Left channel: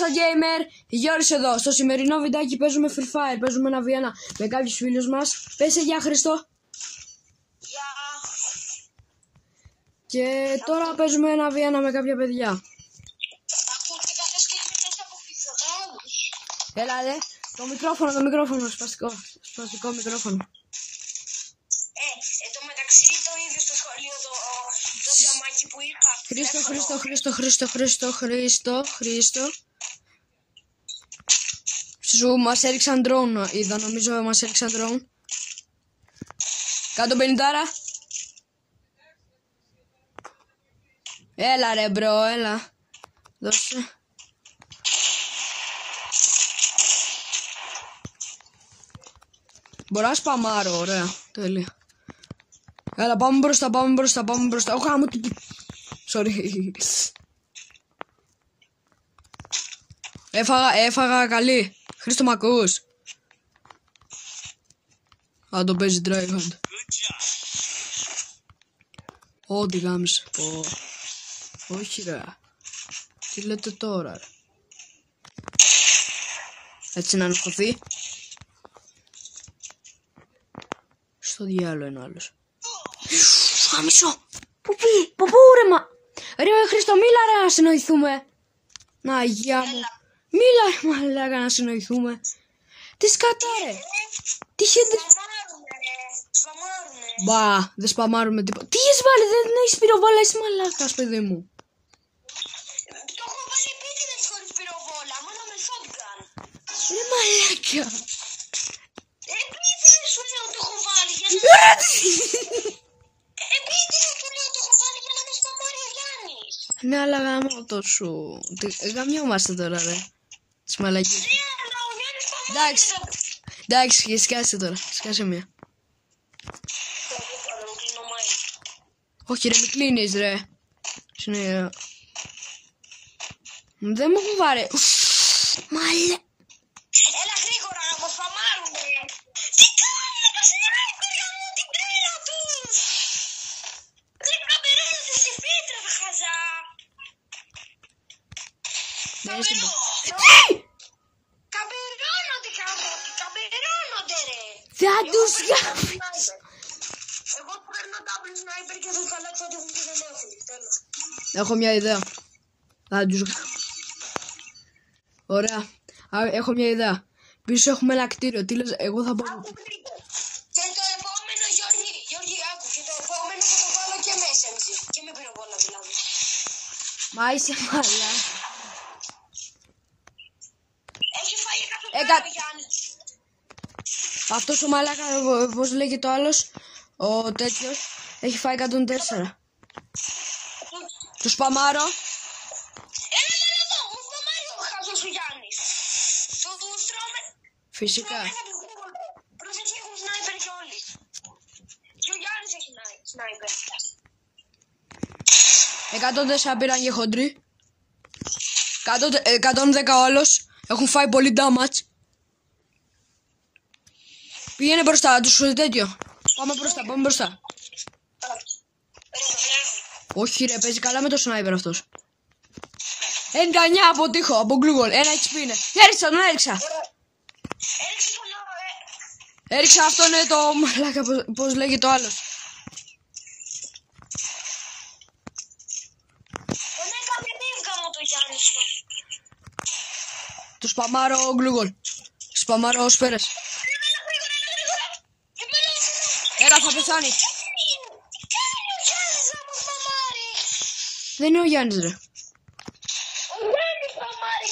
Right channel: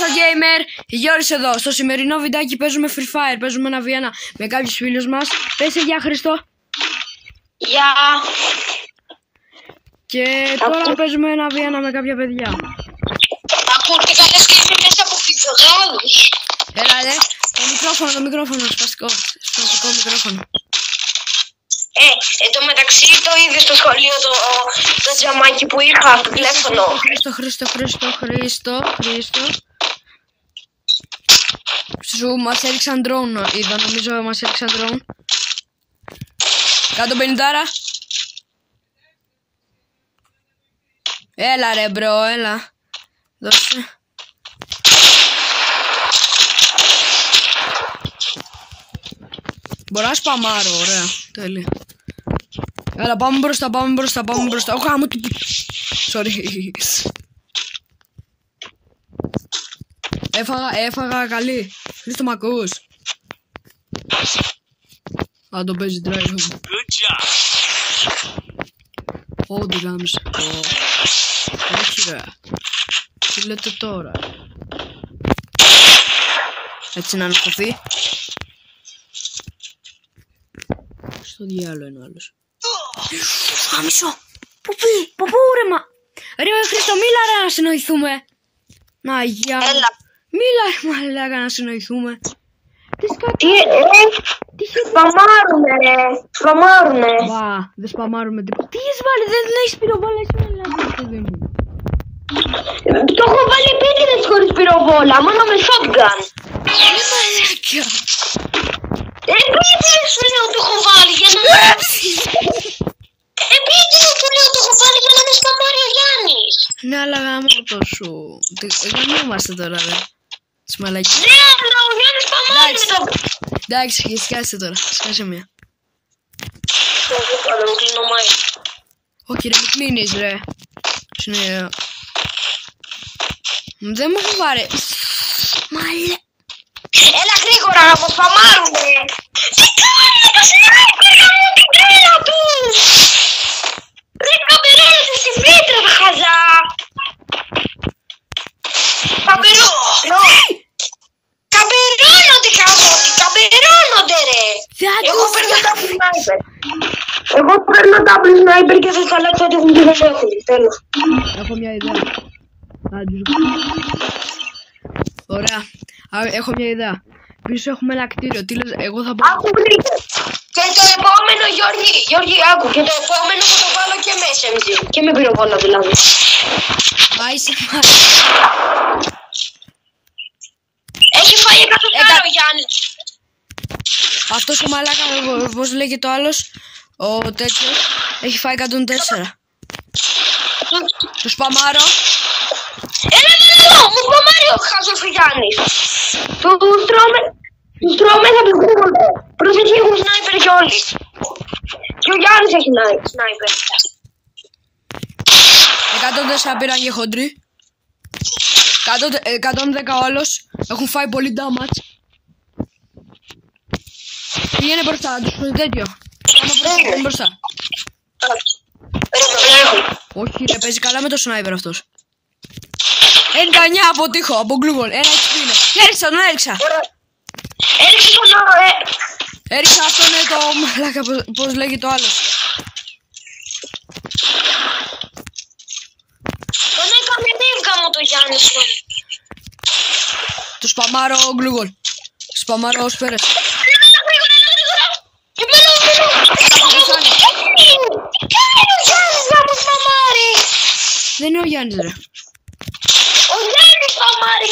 σας gamer, Γιώργης εδώ. Στο σημερινό βιντεάκι παίζουμε Free Fire. Παίζουμε ένα β1 με κάποιους φίλους μας. Πες γεια Χριστό. Γεια. Και τώρα παίζουμε ένα β1 με κάποια παιδιά. Ακούτε καλές και είμαι μέσα από φιδωγάλους. Έλα ρε, το μικρόφωνο, σπαστικό μικρόφωνο. Εν τω μεταξύ το είδε στο σχολείο το τζαμάκι που είχα στο τηλέφωνο. Χρήστο. Σου μας έριξαν drone, είδα, νομίζω μας έριξαν drone. Κάτω 50. Έλα ρε μπρο, έλα. Δώσε. Μπορώ να σπαμάρω, ωραία, τέλεια. Έλα, πάμε μπροστά. Ω, γάμο του. Sorry. Έφαγα καλή. Χρήστο, μ' ακούς? Α, το παίζει drive. Όντε γάμισε. Όχι ρε. Τι λέτε τώρα? Έτσι να ανασταθεί. Στο διάλογο είναι άλλος. Γάμισο. Πού ρε μα. Ρε Χρήστο, μίλα ρε να συνοηθούμε. Να γεια. Έλα. Μίλα ρε μαλάκα να συνοηθούμε. Τι σκατά. Τι σπαμάρουνε ρε. Σπαμάρουνε. Μπα, δεν σπαμάρουμε τίποτα. Τι έχεις βάλει, δεν έχεις πυροβόλα, είσαι μαλάκας παιδί μου. Το έχω βάλει επίτηδες χωρίς πυροβόλα, μόνο με shotgun. Μαλάκα. Επίτηδες σου λέω το έχω βάλει για να... Επίτηδες σου λέω το έχω βάλει για να με σπαμάρει ο Γιάννης. Ναι, αλλά γάμο το σου. Δεν είμαστε τώρα ρε. Τις μαλακίες. Ναι, αλλά ο Γιάννης σπαμάρει με το... Εντάξει, σκάσε τώρα, σκάσε μία. Όχι ρε, μην κλείνεις ρε. Δεν μου έχω πάρει. Μαλέ. Έλα γρήγορα να μου σπαμάρουνε. Τι κάνει το σνάιπερ γάμο την τρέλα του. Ρε καμπερώνεται στη φύτρα τα χαζά. Καμπερώνονται καμπότι, καμπερώνονται ρε. Εγώ παίρνω double sniper. Εγώ παίρνω double sniper και θα χαλάξω ότι έχουν και δεν έχουν. Τέλος. Έχω μια ιδέα. Ωραία. Έχω μια ιδέα. Πίσω έχουμε ένα κτίριο. Τι λες, εγώ θα πάω. Άκου βρείτε. Και το επόμενο Γιώργη, άκου. Και το επόμενο θα το βάλω και με SMG. Και με πυροβόλα δηλαδή. Άισε. Έχει φάει 100 ο Γιάννης. Αυτός ο μαλάκα, πώς λέγεται το άλλος, ο τέτοιος, έχει φάει 104. Του σπαμάρω. Έλα, μου σπαμάρει ο χάζος ο Γιάννης. Τους τρώμε θα τους γρήγορα. Προσοχή, έχουν σνάιπερ και όλοι. Και ο Γιάννης έχει σνάιπερ. 104 πήραν και χοντροί. 110 ο άλλος. Έχουν φάει πολύ damage. Πήγαινε μπροστά, τους τέτοιο. Πάμε μπροστά. Όχι ρε, παίζει καλά με το σνάιπερ αυτός. 99 από τείχο, από γκλούγον. Ένα HP είναι. Έριξα, τον έριξα. Έριξε τον έριξα αυτόν το μαλάκα, πώς λέγει το άλλο. Τον έκαμε νύβγα μου το Γιάννης μου. Το σπαμάρω γκλούγον. Σπαμάρω σφαίρες. Γρήγορα. Εμένα. Τι κάνει ο Γιάννης να μου σπαμάρει. Δεν είναι ο Γιάννης ρε. Ο Γιάννης σπαμάρει.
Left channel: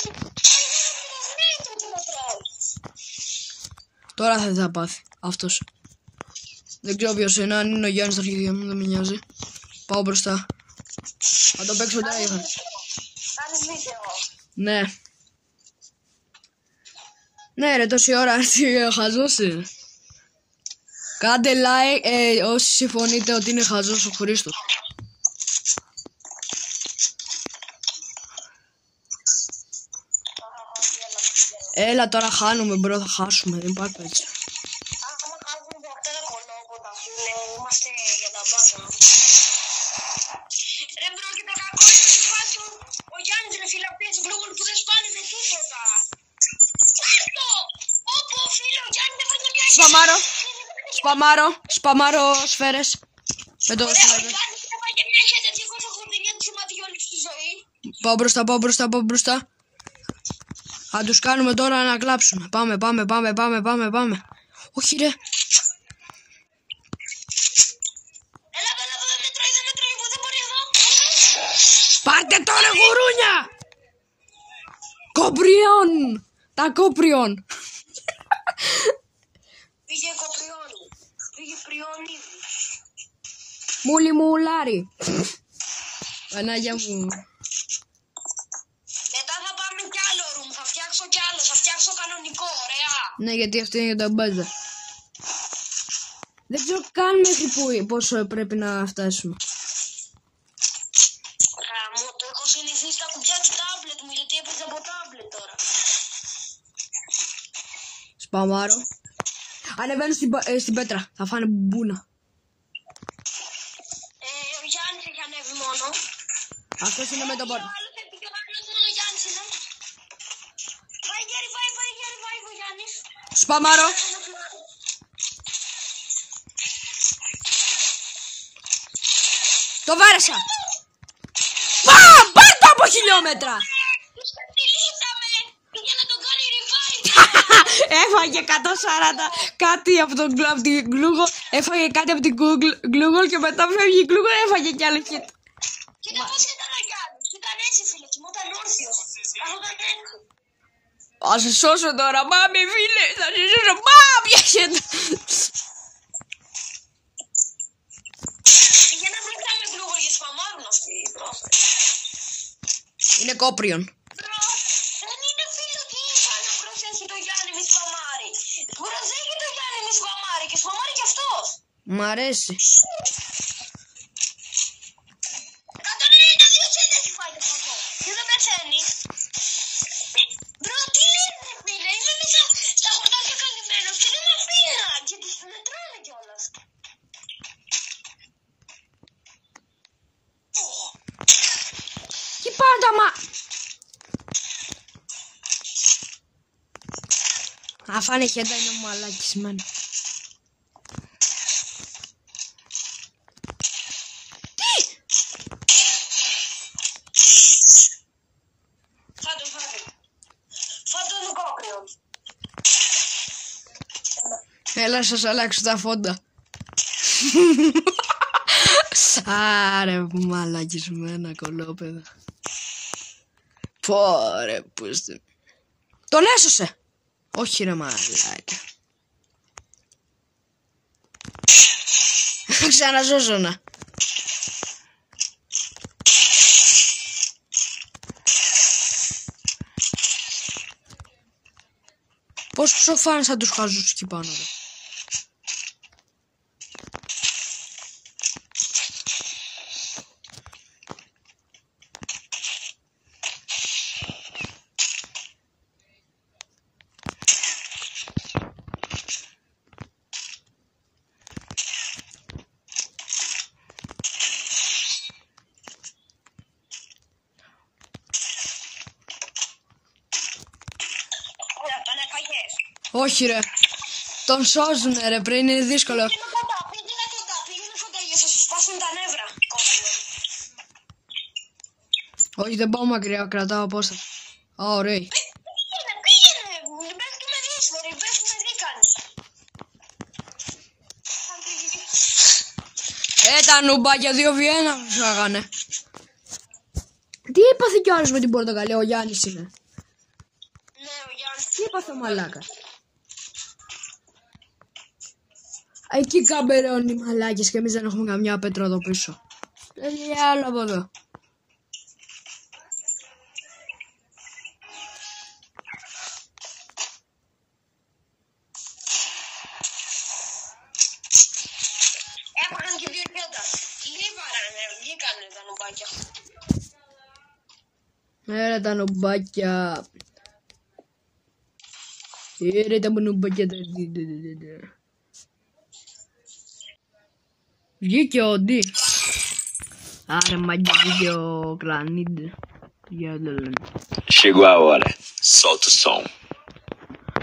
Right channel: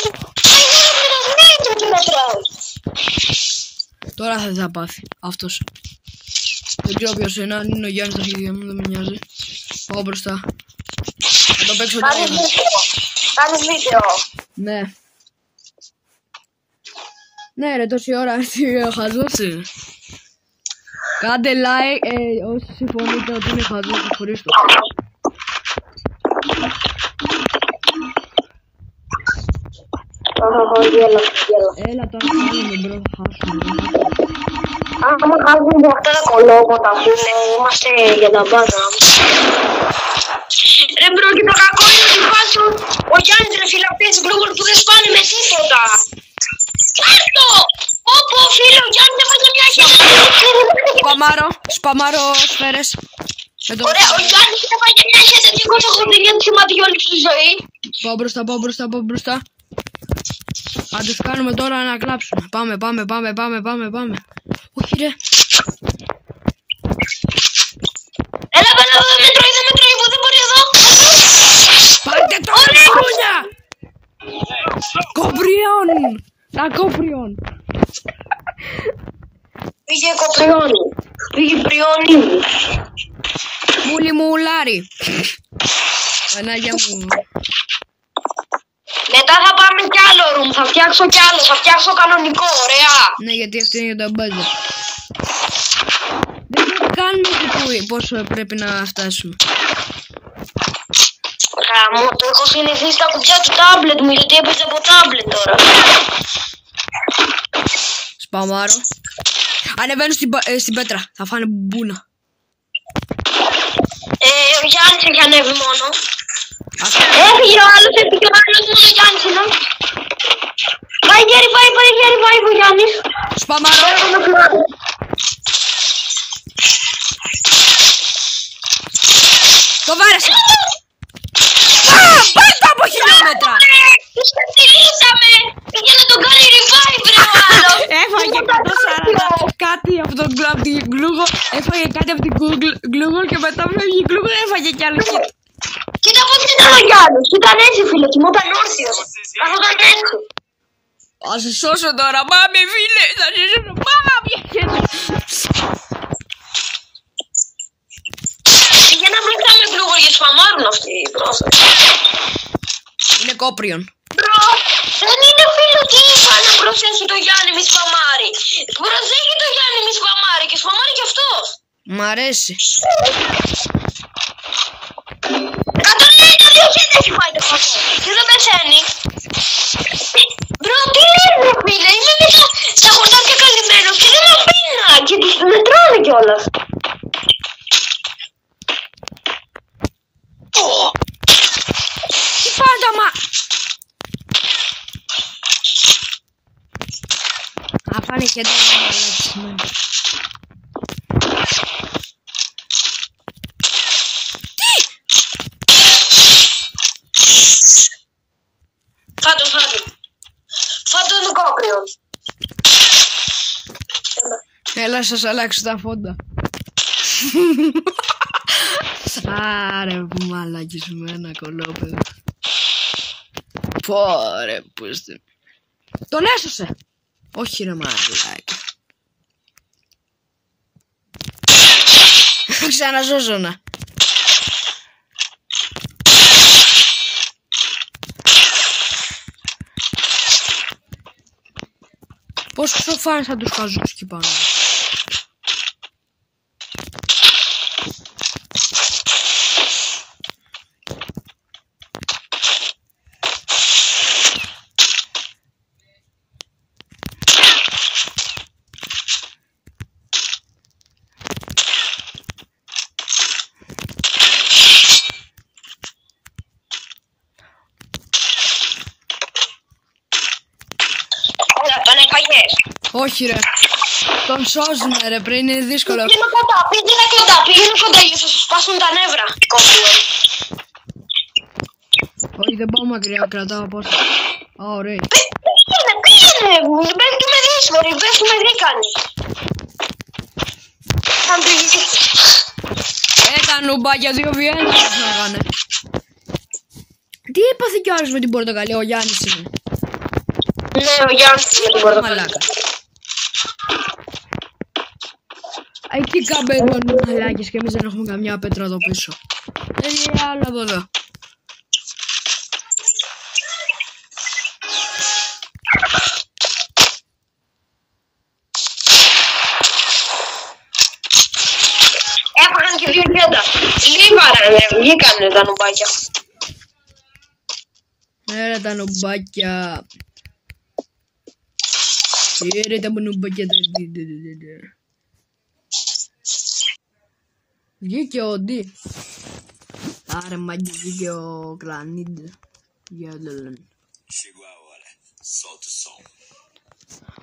Ο Γιάννης με το σνάιπερ του μετράω. Τώρα θα πάθει αυτός. Δεν ξέρω ποιος είναι, αν είναι ο Γιάννης στα αρχίδια μου, δεν με νοιάζει. Πάω μπροστά. Θα το παίξω τώρα. Κάνεις βίντεο. Ναι. Ναι ρε, τόση ώρα έρθει χαζούσε. Κάντε like όσοι συμφωνείτε ότι είναι χαζός ο Χρήστος. Έλα τώρα χάνουμε μπρο, θα χάσουμε. Άμα χάσουμε αυτά τα κολόματα, είμαστε για τα μπάτα. Ρε μπρο, και το κακό είναι ότι βάζω ο Γιάννης ρε φίλε αυτές τις γλούγορ που δεν σπάνε με τίποτα. Κάρτο! Όπου φίλε ο Γιάννης έφαγε μια χέρια. Σπαμάρω σφαίρες. Ωραία, ο Γιάννης έφαγε μια χέρια 289 σημαντική όλη στη ζωή. Πάω μπροστά. Θα τους κάνουμε τώρα να κλάψουμε. Πάμε. Όχι ρε. Έλα, δεν με τρώει, που δεν μπορεί εδώ. Πάρτε τώρα μόνια. Κοπριόν. Πήγε κοπριόνι. Πήγε πριόνι. Μούλι μου ουλάρι. Πανάγια μου. Μετά θα πάμε κι άλλο room, θα φτιάξω κανονικό, ωραία. Ναι, γιατί αυτό είναι για τα μπάζι. Δεν ξέρω καν πόσο πρέπει να φτάσουμε. Γαμώ, το έχω συνηθίσει στα κουμπιά του τάμπλετ μου, γιατί έπαιζε από τάμπλετ τώρα. Σπαμάρω. Ανεβαίνω στην πέτρα, θα φάνε μπούνα. Ο Γιάννης έχει ανέβει μόνο. Έφυγε ο άλλος, μόνο ο Γιάννης είναι. Πάει γέρι, ο Γιάννης. Σπαμάρω. Το βάρεσα. Πάρτε από χιλιόμετρα. Τους κατηρίσαμε. Για να τον κάνει revive ρε ο άλλος. Έφαγε 140 κάτι από τον γκλούγο. Έφαγε κάτι από την γκλούγο και μετά φεύγει η γκλούγο. Έφαγε κι άλλο. Κοίτα πως ήταν ο Γιάννης. Ήταν έτσι φίλε, κοιμόταν όρθιος. Καθόταν έτσι. Θα σε σώσω τώρα, πάμε φίλε. Θα σε σώσω, πάμε πιάσετε. Για να βρήκαμε γκλούγο για σπαμάρουν αυτοί οι πρόσφατοι. Είναι κόπριον. Μπρο, δεν είναι φίλο τι είπα να προσθέσει το Γιάννη μη σπαμάρει. Προσέχει το Γιάννη μη σπαμάρει και σπαμάρει κι αυτός. Μ' αρέσει. 192 χέρια έχει φάει το φακό και δεν πεθαίνει. Μπρο, τι λες ρε φίλε, είμαι μέσα στα χορτάρια καλυμμένος και δεν με αφήνα και τους μετρώνε κιόλας. Τι πάντα μα. Θα φάνε χέρια να αλλάξει σημαίνει. Φάτο το κόπριο. Έλα σας αλλάξω τα φόντα. Σάρε που μαλάκες με ένα κολόπεδο. Πόρε που είστε. Τον έσωσε. Όχι ρε μαλάκα. Ξαναζώζωνα. Πόσο σοφάνες θα τους χαζούς εκεί πάνω. Όχι ρε, τον σώζουνε ρε πριν, είναι δύσκολο. Πήγαινε κοντά για να σου σπάσουν τα νεύρα. Όχι δεν πάω μακριά, κρατάω απόσταση. Ωραία. Πήγαινε, πέφτουμε δύσκολοι, πέφτουμε δίκανοι. Τα νουμπάκια 2v1 μας λέγανε. Τι έπαθε κι άλλος με την πορτοκαλί, ο Γιάννης είναι. Ναι, ο Γιάννης είναι την πορτοκαλί. Εκεί καμπελώνουν οι μαλάκες και εμείς δεν έχουμε καμιά πέτρα εδώ πίσω. Είναι άλλο από εδώ. Έφαγαν και 2 γέντα. Λίβαρα, βγήκανε τα νουμπάκια. Ναι, τα νουμπάκια. Ρε τα νουμπάκια. Βγήκε ο Ντι. Άρα μαγιά βίντεο κλανίδε. Chegou a hora. Solta o som.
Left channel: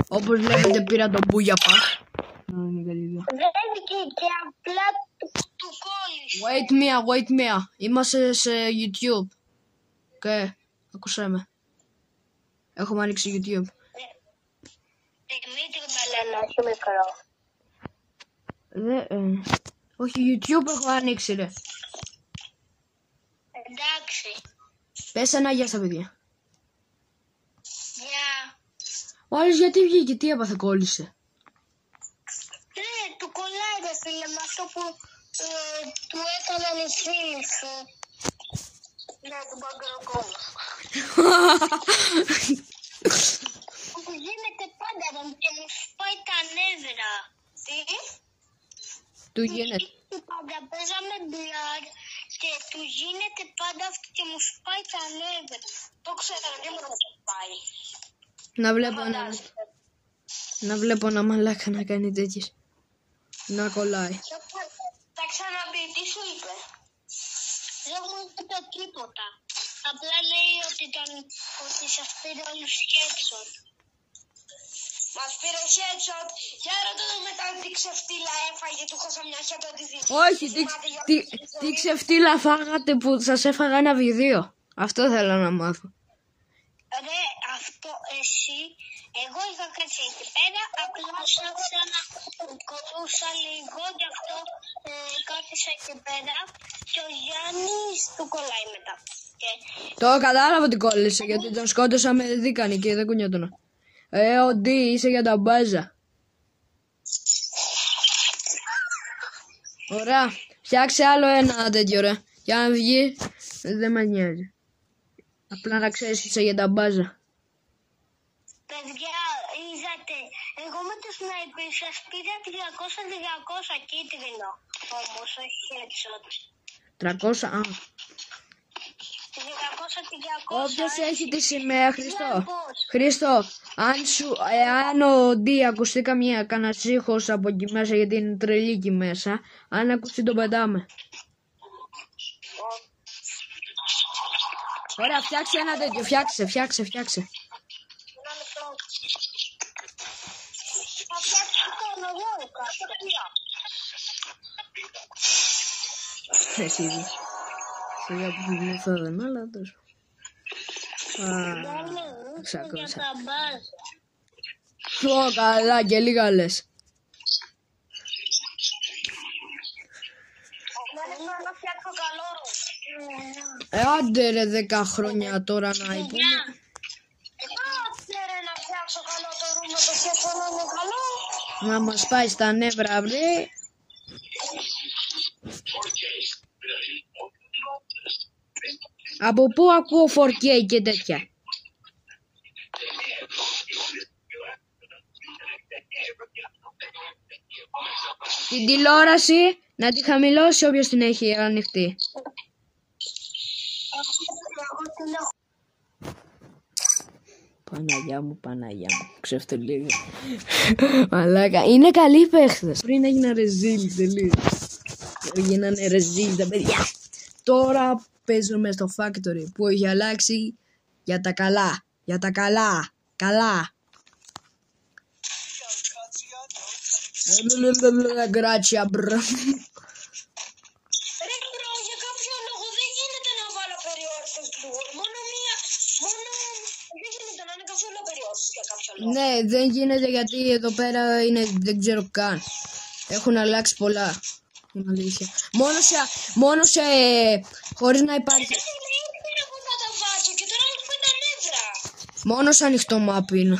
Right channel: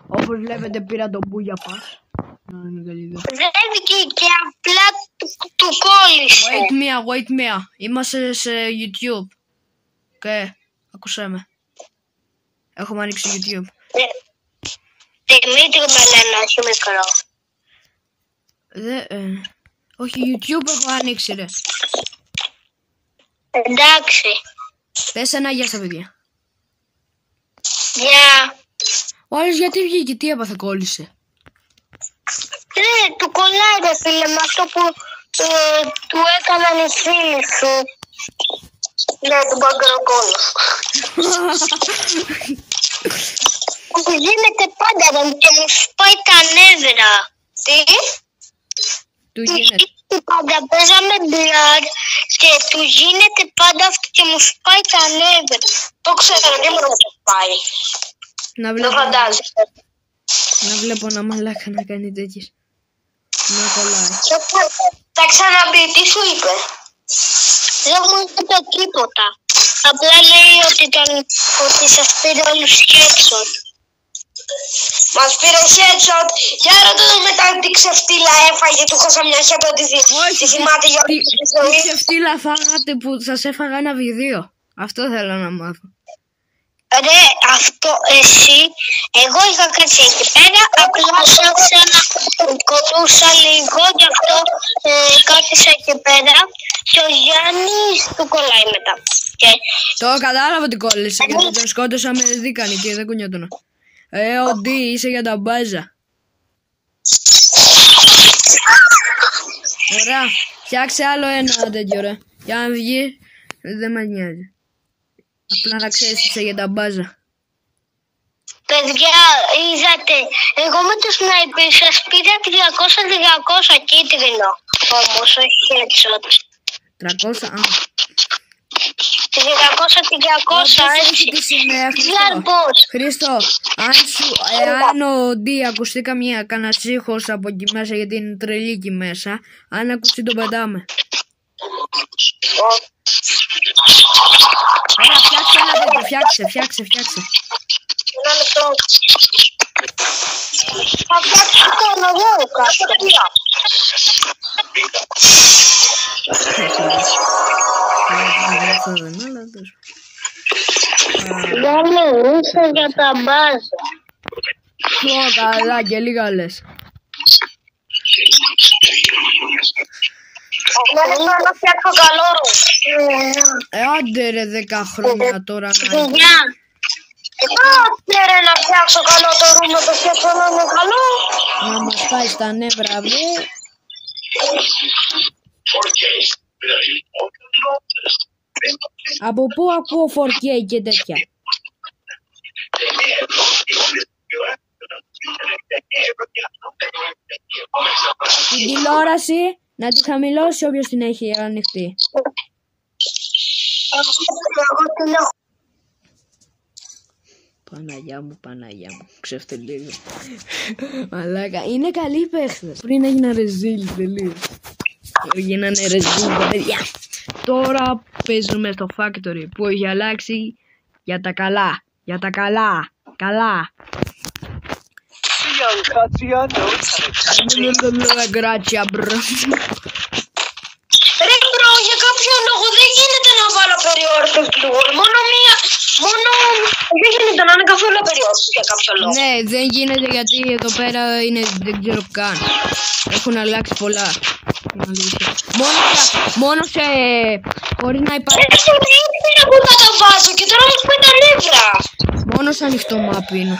Όπως βλέπετε πήρα τον Μπούγια Παχ. Δεν βγήκε, απλά του κόλλησε. Wait me. Είμαστε σε YouTube. Ακούσέ με. Έχουμε ανοίξει YouTube. Δημήτρη με λένε, όχι μικρό. Όχι, YouTube έχω ανοίξει ρε. Εντάξει. Πες ένα γεια στα παιδιά. Γεια. Ο άλλος γιατί βγήκε, τι έπαθε, κόλλησε. Του κολλάει ρε φίλε με αυτό που του έκαναν οι φίλοι σου. Ναι, του μπαγκροκόλλου. Που γίνεται πάντα και μου σπάει τα νεύρα. Τι? Του γίνεται. Πάντα παίζαμε μπλαρ και του γίνεται πάντα αυτό και μου σπάει τα νεύρα. Το ξέρω, δεν μου το σπάει. Το φαντάζεσαι. Να βλέπω ένα μαλάκα να κάνει τέτοιες. Να κολλάει. Θα ξαναμπεί, τι σου είπε? Δεν μου είπε τίποτα. Απλά λέει ότι σας πήρε όλους headshot. Μας πήρε headshot. Για ρωτώ μετά τι ξεφτύλα έφαγε, του χώσα μια χέρτα ότι θυμάται για όλη τη ζωή. Τι ξεφτύλα φάγατε που σας έφαγα ένα βιδίο. Αυτό θέλω να μάθω. Ρε, αυτό εσύ, εγώ είχα κάτσει εκεί πέρα, απλά ψάξα να κολούσα λίγο, γι' αυτό κάθισα εκεί πέρα και ο Γιάννης του κολλάει μετά. Το κατάλαβα ότι κόλλησε, γιατί τον σκότωσα με δίκανη και δεν κουνιότωνα. Ο Ντι, είσαι για τα μπάζα. Ωραία, φτιάξε άλλο ένα τέτοιο ρε, για να βγει, δεν μας νοιάζει. Απλά να ξέρεις είσαι για τα μπάζα. Παιδιά, είδατε, εγώ με το σνάιπερ σας πήρα 300 κίτρινο. Όμως, όχι headshot. 300, 300, έτσι. Χρήστο, αν ο Ντι ακουστεί κανένα ήχος από εκεί μέσα, γιατί είναι τρελή εκεί μέσα, αν ακουστεί το πετάμε. Ωραία, φτιάξε ένα τέτοιο, φτιάξε. Ένα λεπτό. Θα φτιάξω το αναδόρο κάτω. Δεν μιλήσω για τα μπάζα. Καλά και λίγα λες. Εγώ θέλω να φτιάξω καλό ρου. Άντε ρε 10 χρόνια τώρα να... Άντε ρε να φτιάξω καλό το ρου με το φτιάξω να είναι καλό. Να μας πάει στα νεύρα βρε. Από πού ακούω 4K και τέτοια? Την τηλεόραση να τη χαμηλώσει όποιος την έχει ανοιχτή. Παναγιά μου, ξεφτελίγα. Μαλάκα, είναι καλοί παίχτες. Πριν έγιναν ρεζίλ, τελείως. Γίνανε ρεζίλ, παιδιά. Τώρα παίζουμε στο Factory που έχει αλλάξει για τα καλά. Καλά. Grazie, bro. Ρε μπρο, για κάποιο λόγο δεν γίνεται να βάλω περιόρθος πλουγών. Δεν γίνεται να είναι καθόλου περιόρθος για κάποιο λόγο. Ναι, δεν γίνεται γιατί εδώ πέρα είναι, δεν ξέρω καν. Έχουν αλλάξει πολλά. Μόνο σε... χωρίς να υπάρχει... Δεν μπορώ να τα βάζω και τώρα μου σπάει τα νεύρα. Μόνο σε ανοιχτό map είναι.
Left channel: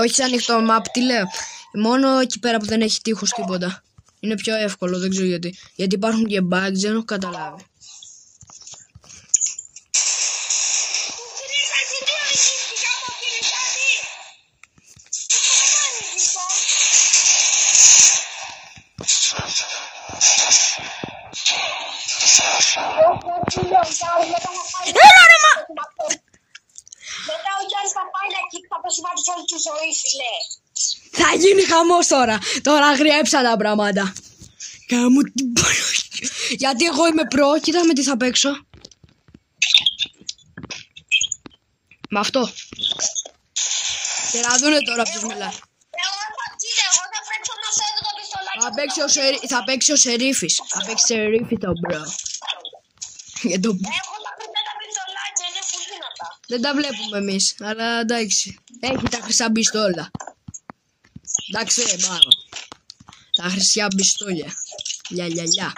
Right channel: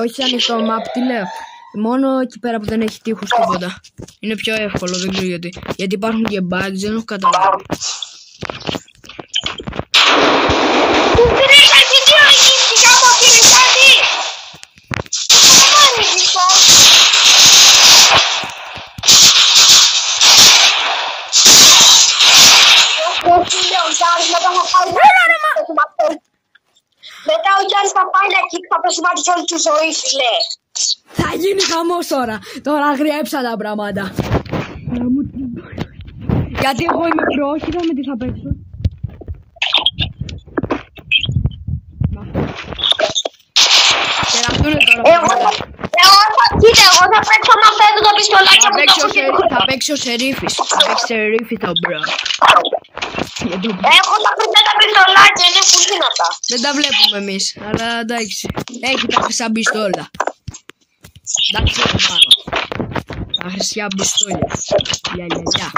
Όχι σε ανοιχτό map, τι λέω. Μόνο εκεί πέρα που δεν έχει τείχους τίποτα. Είναι πιο εύκολο, δεν ξέρω γιατί. Γιατί υπάρχουν και bugs, δεν έχω καταλάβει. Μετά ο Γιάννης θα πάει να κοίξει, θα πεσημάτισε όλη τη ζωή, φίλε. Θα γίνει χαμός τώρα. Τώρα χρειέψα τα πράγματα. Μου την Γιατί εγώ είμαι προ, κοίτα με τι θα παίξω. Με αυτό. Και να δούνε τώρα Κοίτα, εγώ θα παίξω να φέρω τα πιστολάκια που το έχω. Θα παίξει ο Σερίφης. Θα παίξει Σερίφη το μπρο. Έχω τα πιστολάκια, είναι πολύ δυνατά. Δεν τα βλέπουμε εμείς, αλλά εντάξει. Έχει τα χρυσά πιστόλα. Εντάξει, δεν πάω. Τα χρυσά πιστόλια. Γεια.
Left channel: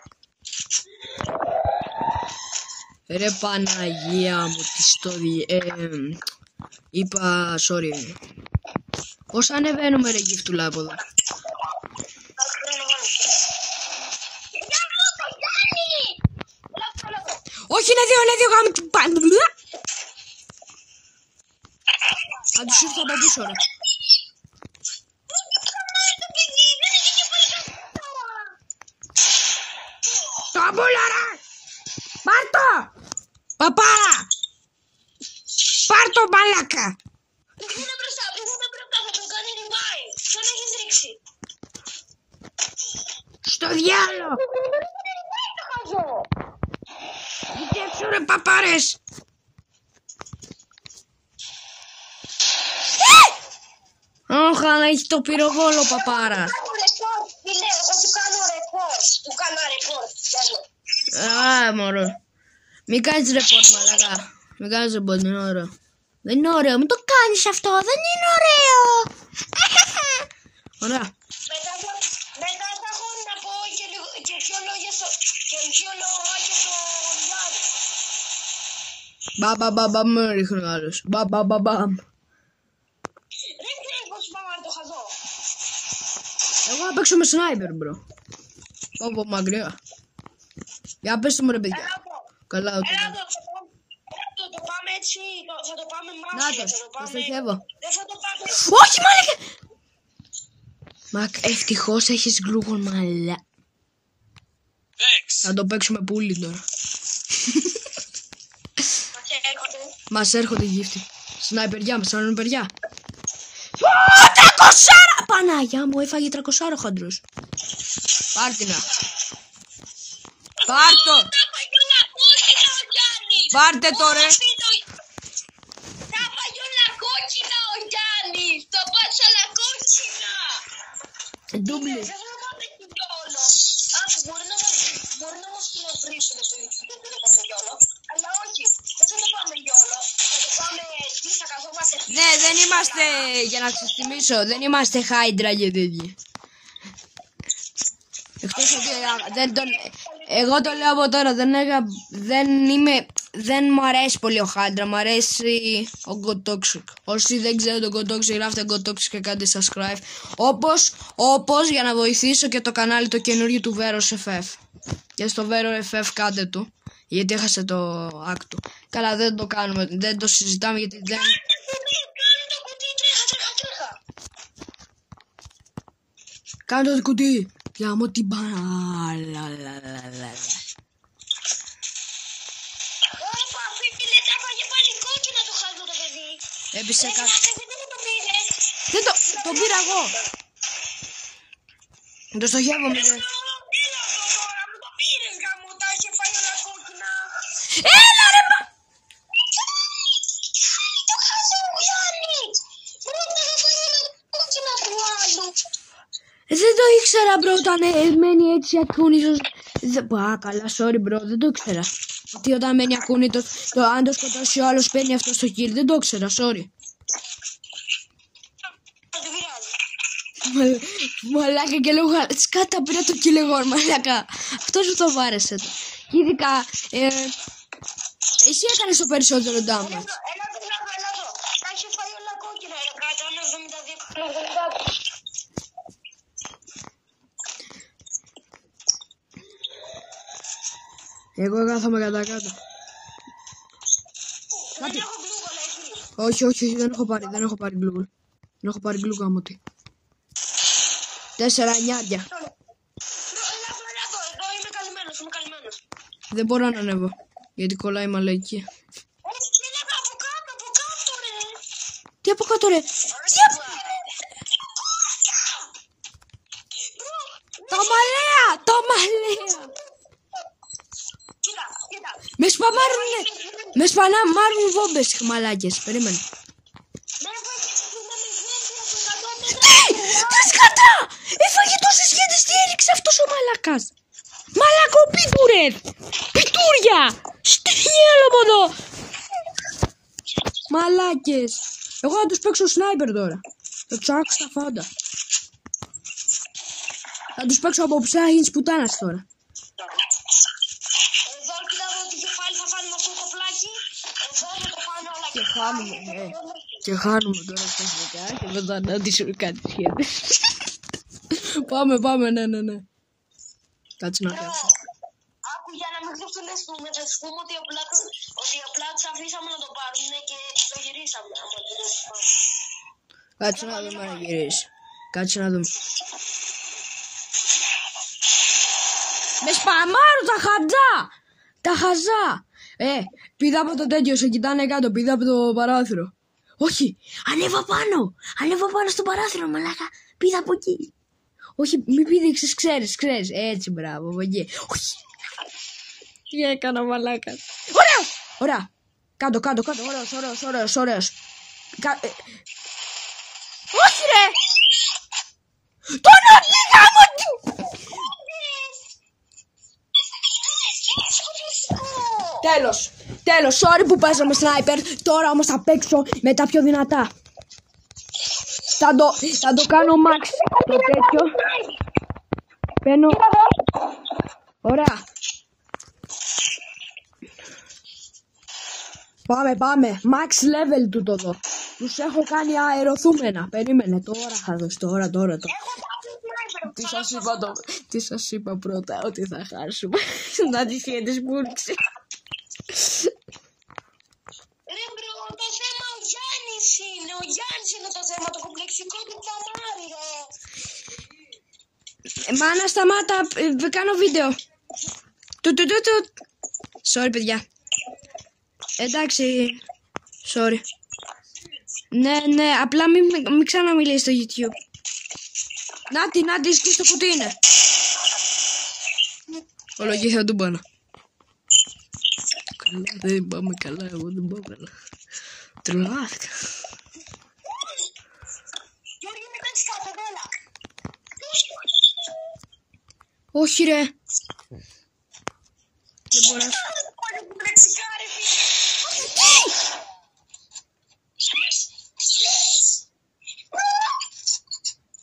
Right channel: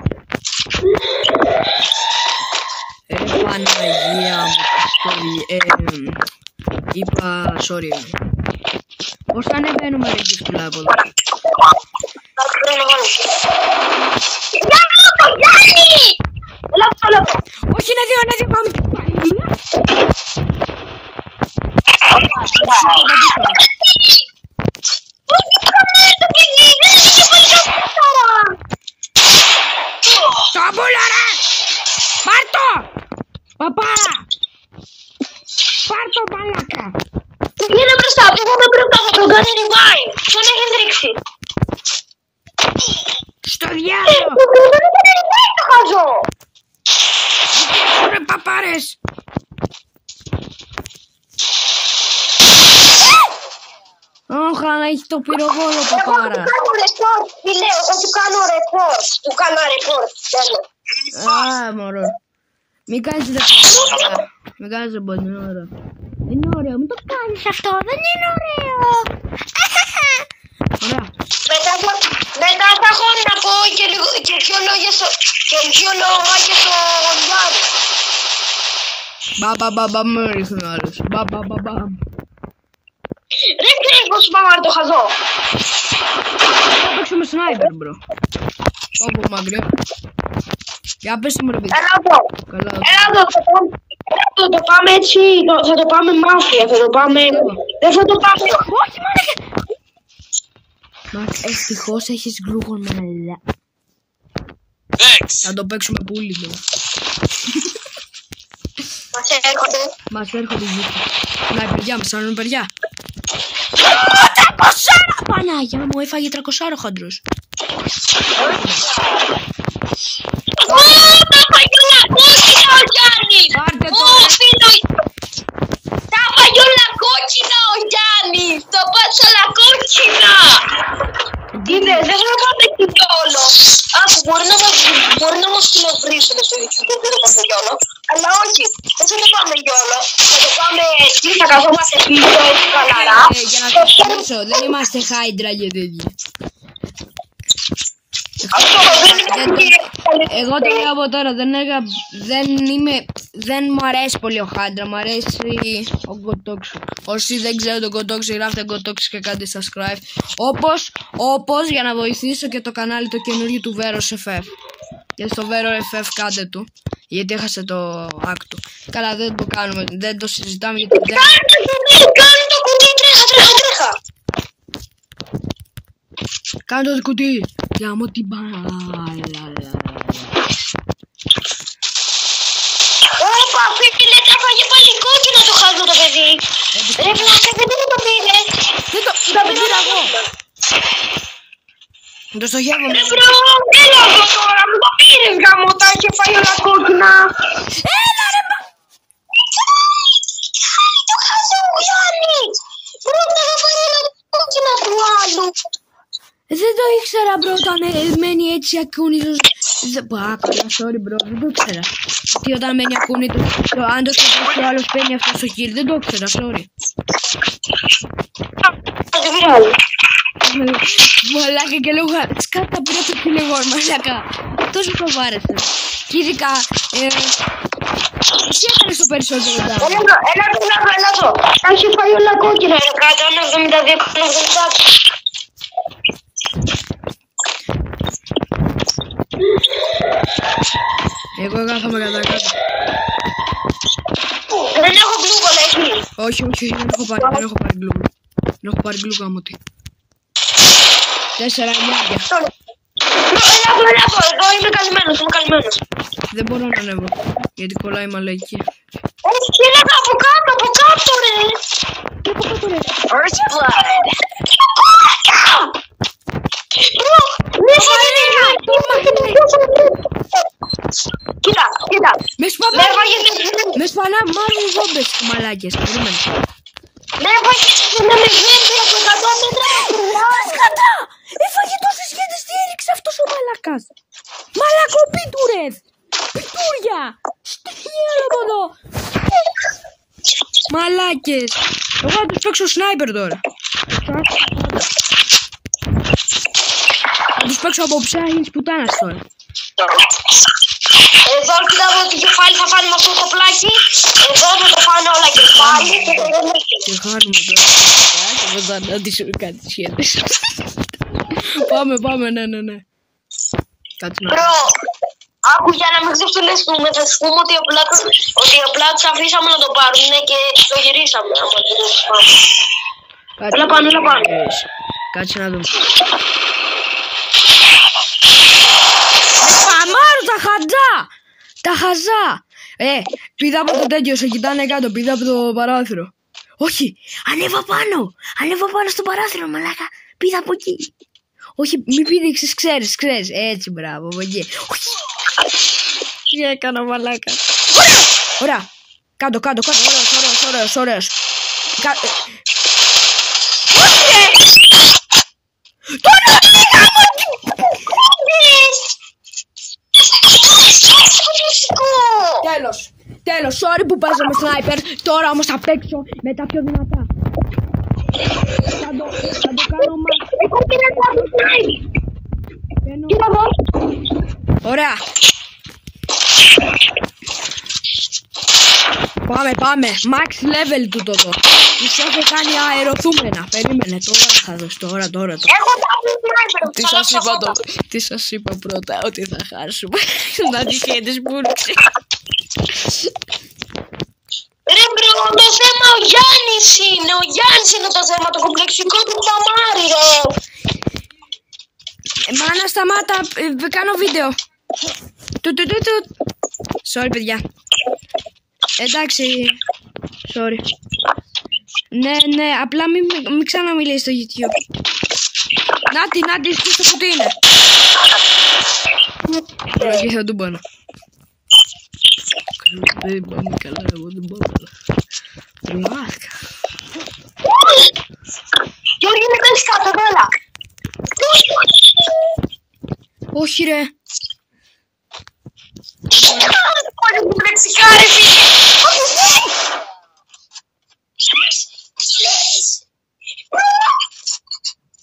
Ρε Παναγία μου, πιστόλια. Είπα, sorry. Πώς θα ανεβαίνουμε ρε Γύφτουλα από εδώ? Όχι, είναι δύο γάμι του πανδύα. Τα πουλά ρε! Πάρ' το! Παπάρα! Πάρ' το μαλάκα! Πήγαινε μπροστά, θα τον κάνει revive. Τον έχεις ρίξει. Στο διάλογο! Δεν το χαζό. Ρε παπάρες! Όχα, να έχει το πυροβόλο παπάρα. Του κάνω report. Α, μωρό. Μην κάνεις report. Μην κάνεις report, δεν είναι ωραίο. Δεν είναι ωραίο, μην το κάνεις αυτό, δεν είναι ωραίο. Ωραία. Μετά θα έχω να πω και δυο λόγια στο Γιάννη. Μπαμπαμπαμπαμ ρίχνει ο άλλος. Μπαμπαμπαμπαμ. Ρε ξέρεις πως πάμε το χαζό. Θα παίξουμε σνάιπερ, μπρο. Πω μακριά. Για πες μου ρε παιδί. Έλα εδώ. Θα το πάμε έτσι, θα το πάμε μάφια, θα το πάμε... Δεν θα το πάμε... Όχι μάλακα! Μακ, ευτυχώς έχεις γλούγον μαλά. Θα το παίξουμε πουλί τώρα. Μας έρχονται γύφτοι. Σνάιπεριά, με σάρουν παιδιά. 300! Παναγιά μου, έφαγε 300 ο χάντρος. Τα φαγιόλα κόκκινα ο Γιάννης! Πάρτε το! Τα φαγιόλα κόκκινα ο Γιάννης! Το πάτσαλα κόκκινα! Είδε, δεν θα πάμε εκεί κιόλο. Άκου, μπορεί να μας κοινοβρίσουν στο YouTube, δεν θα πάμε κιόλο. Αλλά όχι, δεν θα το πάμε κιόλο. Θα το πάμε εκεί, θα καθόμαστε πίσω έτσι χαλαρά. Για να το θυμίσω, δεν είμαστε Hydra και τέτοια. Εγώ το λέω από τώρα, δεν μου αρέσει πολύ ο Hydra, μου αρέσει ο Gotoxu. Όσοι δεν ξέρουν τον Gotoxu, γράφτε Gotoxu και κάντε subscribe. Όπως για να βοηθήσω και το κανάλι το καινούριο του Veros FF. Και στο Veros FF κάντε του, γιατί έχασε το act του. Καλά, δεν το κάνουμε, δεν το συζητάμε γιατί δεν... Κάνε το κουτί, τρέχα! Κάνε το κουτί! Για μου την μπάλα. Όπα, φίλε, τα φάγε πάλι κόκκινο το χάζο το παιδί. Ρε βλάκα, γιατί δεν το πήρες? Δεν το πήρα εγώ. Το στοχεύω. Ρε βρω, έλα εδώ τώρα, μου το πήρες γαμώτα και φάει όλα κόκκινα. Έλα ρε μα. Το χάζο, Γιάννη. Πρώτα θα φάει όλα κόκκινα του άλλου. Δεν το ήξερα μπρο, όταν μένει έτσι ακούνητος. Καλά, sorry μπρο, δεν το ήξερα. Τι όταν μένει ακούνητος, αν το σκεφτείς ο άλλος παίρνει αυτό στο χείρι, δεν το ήξερα, sorry. Μαλάκα και λόγω σκάτα πήρα το κυλεγό, μαλάκα. Αυτός μου το βάρεσε. Και ειδικά, εσύ έκανες το περισσότερο δάμα. Έλα εδώ, θα έχει φάει όλα κόκκινα, ρε κάτω, 1,72, 1,70. Εγώ κάθομαι κατά κάτω. Δεν έχω γκλούγολα εκεί. Όχι, δεν έχω πάρει γκλούγολα. Δεν έχω πάρει γκλούγολα μου τι. 4 εννιάρια. Έλα εδώ, είμαι καλυμμένος. Δεν μπορώ να ανέβω, γιατί κολλάει μαλακή. Όχι, έλα από κάτω ρε. Και από κάτω ρε. First blood. Μπρο, μη φαγε το μαχαίρι. μαλάκες. Περίμενε. Ναι, βοηθήστε να με βγαίνει από 100 μέτρα. Τα σκατά! Έφαγε τόσες σχέτες, τι έριξε αυτός ο μαλακάς. Μαλακοπίτουρες! Πιτούρια! Στοιχεία από εδώ! Μαλάκες! Εγώ θα τους παίξω σνάιπερ τώρα. Ψάξω πάντα. Θα τους παίξω από ψένα της πουτάνας τώρα. Εδώ κοιτάω το κεφάλι θα φάνε με αυτό το πλάκι. Εδώ θα το φάνε όλα κεφάλι. Και χάνουμε τώρα και δεν θα αντίσουμε κάτι σχέδες. Πάμε, ναι. Κάτσε να... Μπρο, άκου για να μην ξεφτυλιστούμε, θα σου πούμε ότι απλά τους αφήσαμε να το πάρουν και το γυρίσαμε. Έλα πάνω. Κάτσε να δούμε. Παμάρω τα χαζά! Πήδα από το τέτοιο, σε κοιτάνε κάτω, πήδα από το παράθυρο. Όχι, ανέβα πάνω στο παράθυρο, μαλάκα, πήδα από εκεί. Όχι, μη πήδηξες, ξέρεις, έτσι, μπράβο, από εκεί. Όχι, τι έκανα, μαλάκα. Ωραία, κάτω, ωραίος. Όχι, ρε! Τώρα πήγα μου! Τέλος, sorry που παίζω με σνάιπερ. Τώρα όμως θα παίξω με τα πιο δυνατά. Θα το κάνω max. Παίρνω. Ωραία. Πάμε. Max level του το. Τους έχω κάνει αεροθούμενα. Περίμενε, τώρα θα δώσω. Τώρα. Τι σας είπα πρώτα, ότι θα χάσουμε. Να τυχαίνεις που ήρθε. Ρε μπρο, το θέμα ο Γιάννης είναι το θέμα, το κομπλεξικό του Παμάρι, ρε. Μάνα, σταμάτα, κάνω βίντεο. Sorry, παιδιά. Εντάξει, sorry. Ναι, απλά μην ξαναμιλείς στο YouTube. Νάτι, στο κουτί είναι. Τώρα εκεί θα του πάνω. Δεν πάμε καλά, εγώ δεν πάω καλά. Τρομάχτηκα. Γιώργη, με κάνεις κάτω, καλά. Όχι, ρε. Πάλι μου πλεξικάρε, φίλε.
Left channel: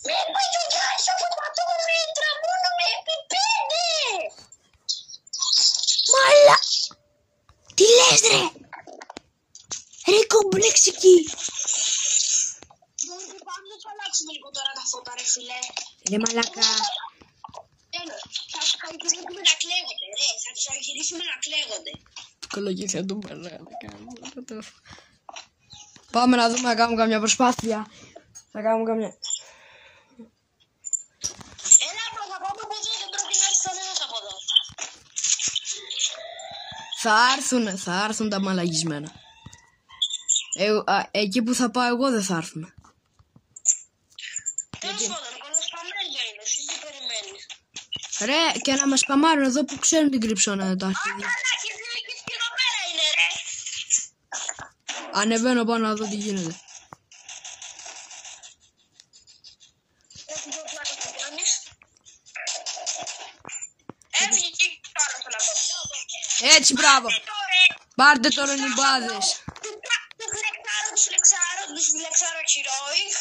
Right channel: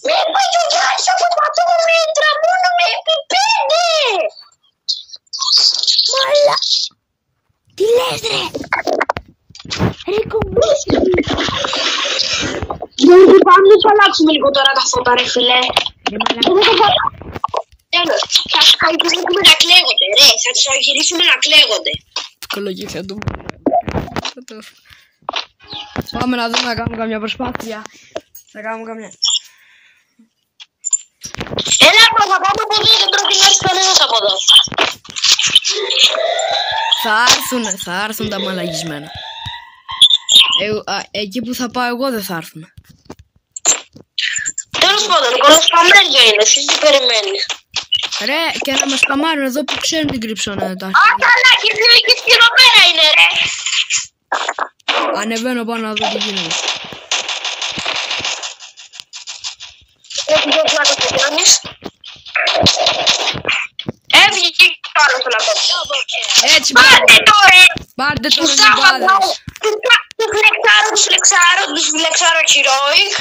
Με πάει ο Γιάννης από 100 μέτρα, μόνο με επί 5. Μάλα. Τι λες, ρε. Ρε κομπλεξική. Γιώργη, πάμε να σου αλλάξουμε λίγο τώρα τα φώτα, ρε φίλε. Ρε μαλάκα. Τέλος, θα τους αγγυρίσουμε να κλαίγονται, ρε. Θα τους αγγυρίσουμε να κλαίγονται. Ψυχολογία θα το πω. Πάμε να δούμε να κάνουμε καμιά προσπάθεια. Θα κάνουμε καμιά... Έλα, θα πάμε από εδώ, δεν πρέπει να έρθει κανένας από εδώ. Θα έρθουν τα μαλαγισμένα. Εκεί που θα πάω εγώ δεν θα έρθουν. Τέλος πάντων, κολοσπαμέρια είναι, εσύ τι περιμένεις. Ρε, και να μας παμάρουν εδώ που ξέρουν την κρυψώνα τα αρχίδια. Α, καλά, και εδώ πέρα είναι, ρε. Ανεβαίνω πάνω να δω τι γίνεται. Έχει δει πλάκα στο Γιάννης. Έβγε και άλλο στο λαπτό. Έτσι, Πάρτε τώρα. Πάρτε τώρα οι μπάδες. Τους φλεξάρω χειρόικ.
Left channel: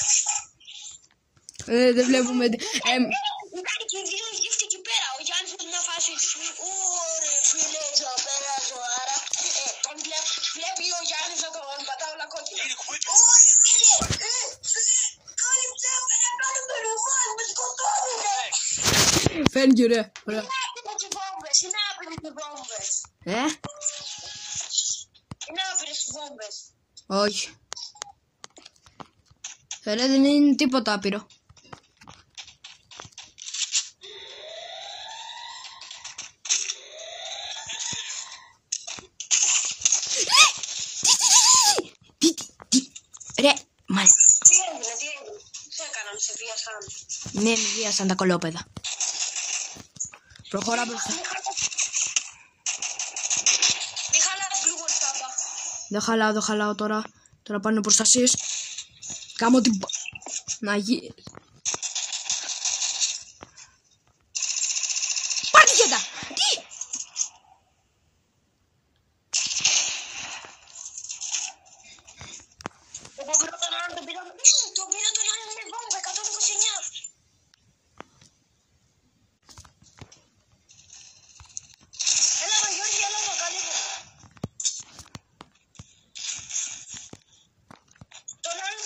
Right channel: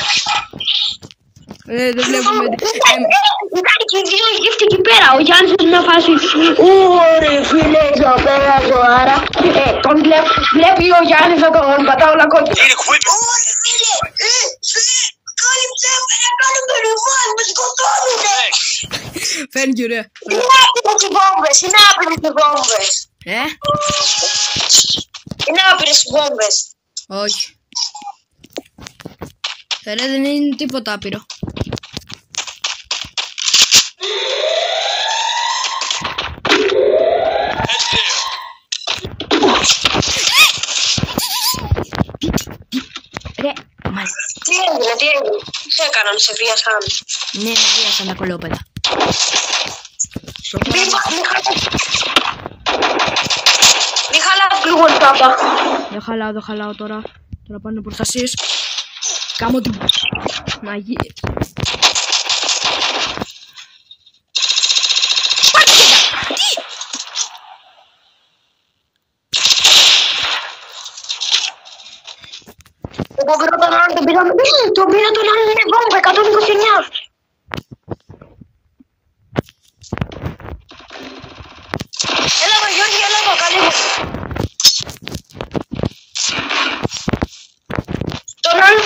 Δεν βλέπουμε... Κάνει και δύο γύφτη εκεί πέρα. Ο Γιάννης είναι μια φάση. Ωραία φίλε, εδώ πέρα ζωάρα. Τον βλέπει ο Γιάννης να τον πατάω να κόκκι. Ωραία φίλε, κάλυψε με να κάνουμε ρουβάς, με σκοτώνουνε. Thank you, ρε. Είναι άπειρες οι βόμβες, είναι άπειρες οι βόμβες. Είναι άπειρες οι βόμβες. Όχι. Ρε, δεν είναι τίποτα άπειρο. Ρε, μας... Τι έγινε, τι έκαναν, σε βίασαν. Ναι, βίασαν τα κολόπεδα. Μη χαλάς λίγο λεπτά. Δεν χαλάω τώρα. Τώρα πάνε προστασίες. Κάμω την μαγεία. Εγώ πήρα τον άλλον, τον πήρα τον άλλον, είναι βόμβα, 129. Έλα εδώ Γιώργη, έλα εδώ, καλή μου. Τον άλλον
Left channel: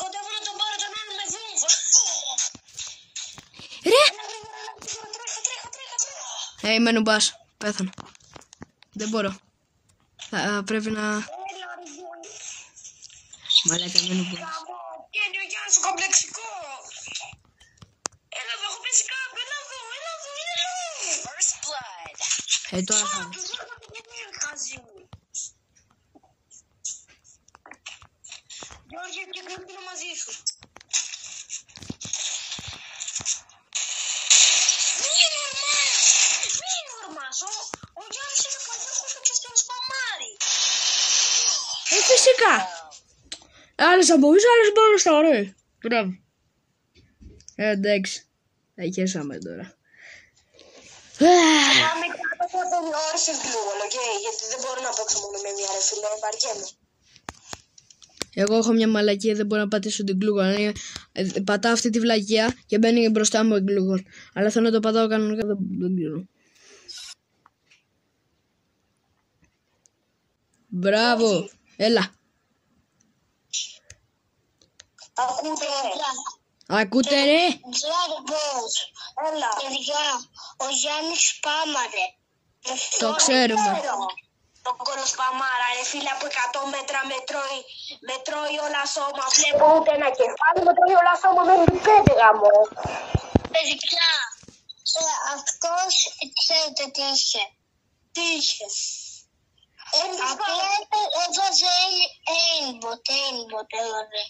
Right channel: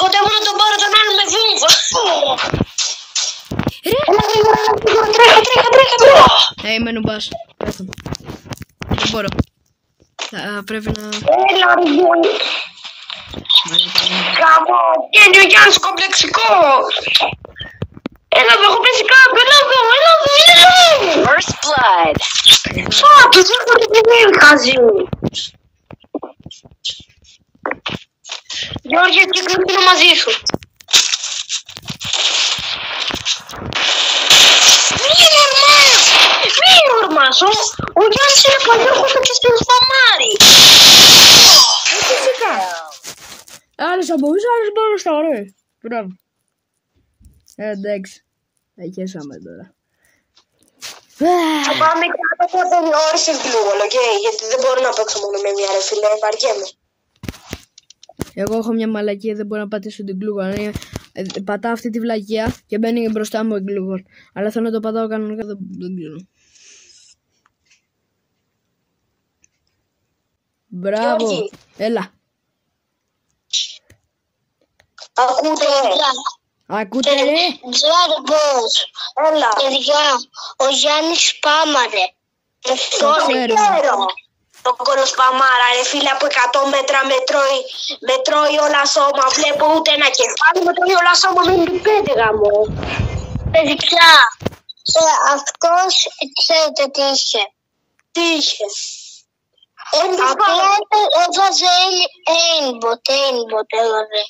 κοντεύω να τον πάρω, τον άλλον με βόμβα. Τρέχα. Είμαι νουμπάς, πέθανε. Δεν μπορώ. Πρέπει να... Έλα ρε Γιώργη. Κάμω, είναι ο Γιάννης κομπλεξικός. Έλα εδώ, έχω πέσει κάπου, έλα εδώ. First blood. Φάκη, δεν έχω την χαζί μου. Γιώργη, έτσι κλείνω μαζί σου. Μη ορμάς, ο Γιάννης είναι παλιόχος και στην σπαμάρι. Φυσικά. Άλλες θα μπορείς, άλλες μπορώ στα ωραία. Μπράβο. Εντάξει. Θα χέσαμε τώρα. Θα πάμε κάτω από περιόρισες γλούγολ, οκ, γιατί δεν μπορώ να παίξω μόνο με μια ρε φίλε, βαριέμαι. Εγώ έχω μια μαλακία, δεν μπορώ να πατήσω την γκλούγολ. Πατάω αυτή τη βλακία και μπαίνει μπροστά μου η γκλούγολ. Αλλά θέλω να το πατάω κανονικά, δεν ξέρω. Μπράβο. Γιώργη. Έλα. Ακούτε. Ακούτε ρε. Ξέρει πώς. Έλα. Παιδιά, ο Γιάννης σπάμαρε. Το ξέρω. Το κολοσπαμάρα ρε φίλε, από 100 μέτρα μετρώει όλα σώμα. Βλέπω ούτε ένα κεφάλι, μετρώει όλα σώμα, δεν του πέτυγα μου. Παιδιά, αυτός ξέρετε τι είχε. Τι είχε. Απλά έβαζε aimbot έβαζε.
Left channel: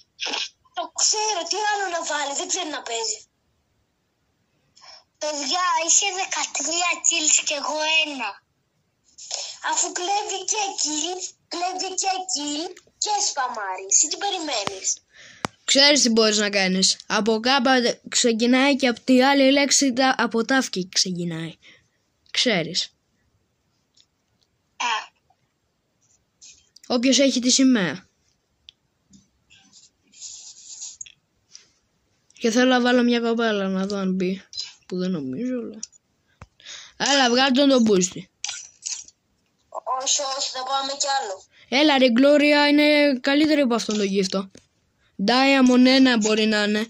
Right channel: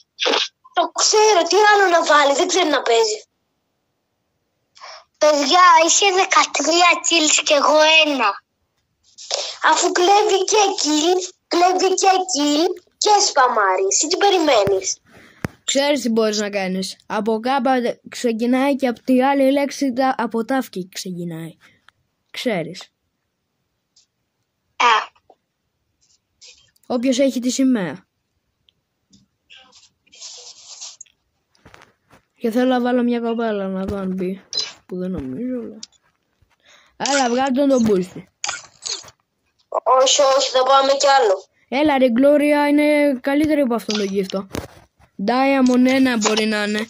Το ξέρω, τι άλλο να βάλει, δεν ξέρει να παίζει. Παιδιά, είχε 13 kills και εγώ 1. Αφού κλέβει και kill και σπαμάρει. Εσύ τι περιμένεις. Ξέρεις τι μπορείς να κάνεις. Από κάπου ξεκινάει και από τη άλλη λέξη από ταύκη ξεκινάει. Ξέρεις. Όποιος έχει τη σημαία. Και θέλω να βάλω μια κοπέλα να δω αν μπει. Που δεν νομίζω, αλλά... Έλα, βγάλει τον μπούστι. Όχι, θα πάμε κι άλλο. Έλα ρε, Gloria είναι καλύτερη από αυτόν τον γύφτο. Diamond 1 μπορεί να είναι.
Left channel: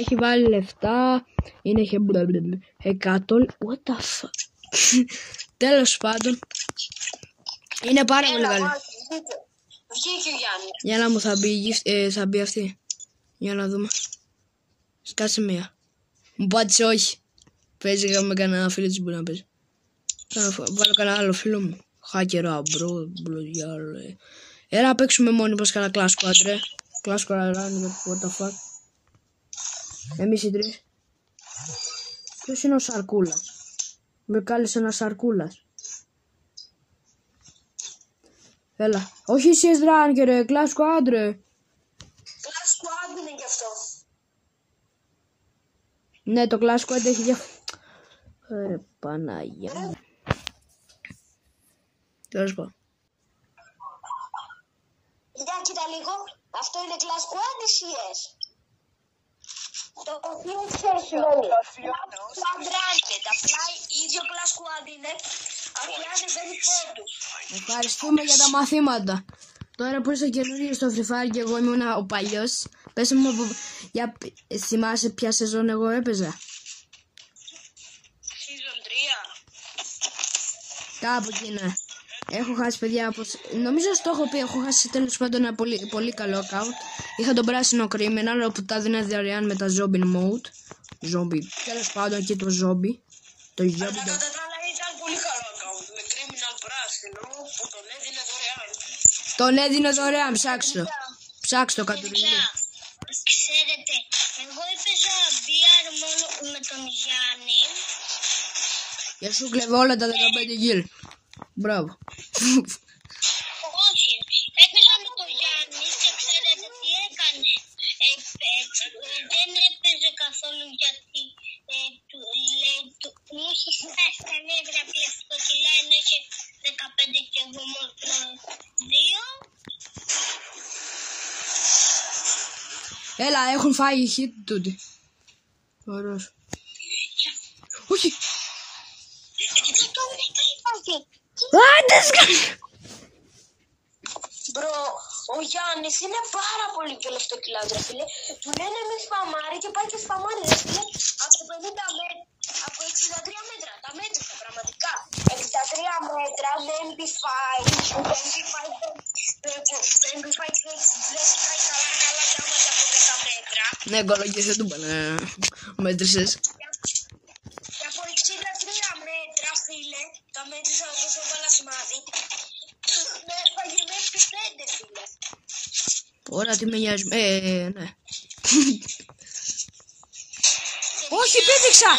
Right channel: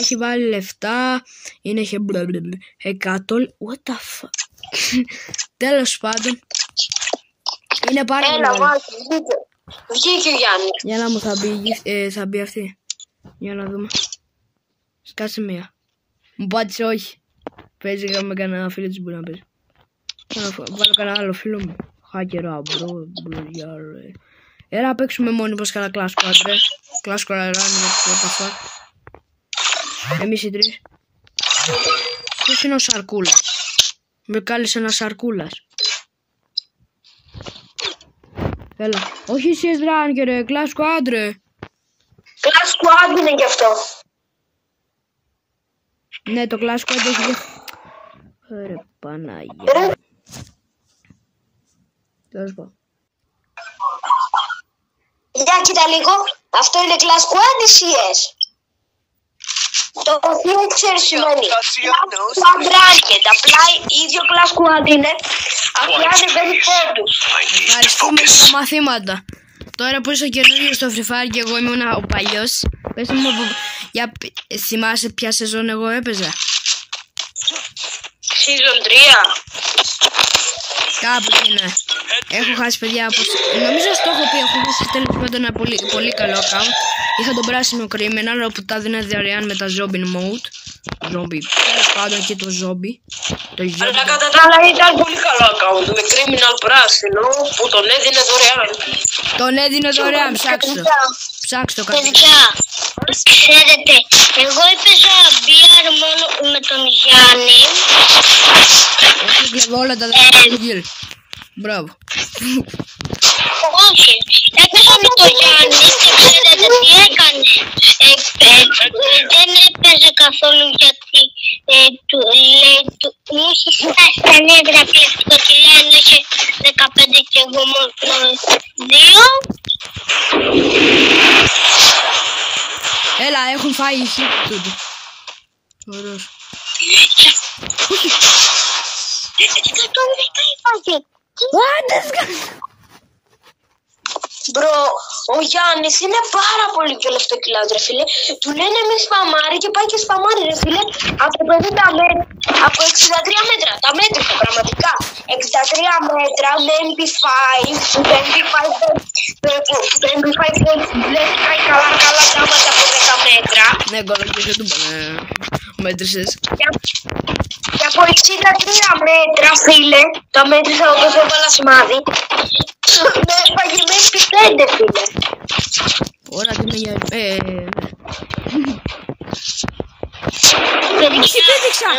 Έχει βάλει λεφτά. Είναι 100... What the fuck. Τέλος πάντων. Είναι πάρα πολύ. Έλα, βάζει, βγήκε ο Γιάννης. Για να μου θα μπει αυτή. Για να δούμε. Σκάσε μία. Μου πάτησε όχι. Παίζει με κανένα φίλο της μπορεί να παίζει. Βάλω κανένα άλλο φίλο μου. Χάκερα, μπρο, διάλο. Έλα να παίξουμε μόνοι μας κανένα Clash Squad, ρε. Clash Squad, ρε, εμείς οι τρεις. Ποιος είναι ο Σαρκούλας. Με κάλεσε ένα Σαρκούλας. Έλα. Όχι εσείς ράνκε ρε, Clash Squad ρε. Clash Squad είναι γι' αυτό. Ναι, το Clash Squad έχει... Ρε Πανάγια. Τέλος πω. Για κοίτα λίγο. Αυτό είναι Clash Squad ή CS. Το οποίο ξέρεις σημαίνει. Squad Ranked. Απλά ίδιο Clash Squad είναι. Απλά δεν παίρνει πόντους. Ευχαριστούμε για τα μαθήματα. Τώρα που είσαι καινούργιος στο Free Fire και εγώ ήμουν ο παλιός, πες μου, για θυμάσαι ποια σεζόν εγώ έπαιζα. Season 3. Κάπου είναι. Έχω χάσει παιδιά από... Νομίζω στο έχω πει, έχω χάσει τέλος πάντων ένα πολύ καλό account. Είχα τον πράσινο criminal όπου τα δίνα δωρεάν με τα zombie mode. Zombie, τέλος πάντων και το zombie. Αλλά κατά τα άλλα ήταν πολύ καλό account με criminal πράσινο που τον έδινε δωρεάν. Τον έδινε δωρεάν, ψάξτε. Ψάξτε το κάτι. Ξέρετε, εγώ έπαιζα BR μόνο με τον Γιάννη. Έκλειγε όλα τα δωρεάν του γύρ. Μπράβο. Όχι. Έπαιζε το Γιάννη και ξέρετε τι έκανε. Δεν έπαιζε καθόλου γιατί μου είχε φτάσει τα νεύρα πλαστικό τηλέφωνο, είχε 15 και εγώ μόνο 2. Έλα, έχουν φάει οι χίπ τούτο. Ωραίος. Μπρο, ο Γιάννης είναι πάρα πολύ πιο λεφτοκιλάς ρε φίλε. Του λένε μη σπαμάρει και πάει και σπαμάρει ρε φίλε. Από 50 μέτρα, από 63 μέτρα, τα μέτρησα πραγματικά. 63 μέτρα με MP5, το MP5 βλέπει πάει καλά πράγματα από 10 μέτρα. Ναι, κολογήσε του μέτρησες. Και από 63 μέτρα φίλε, τα μέτρησα όπως έβαλα σημάδι. Με έφαγε με MP5 φίλε. Ωραία, τι με νοιάζει. Πέδειξα!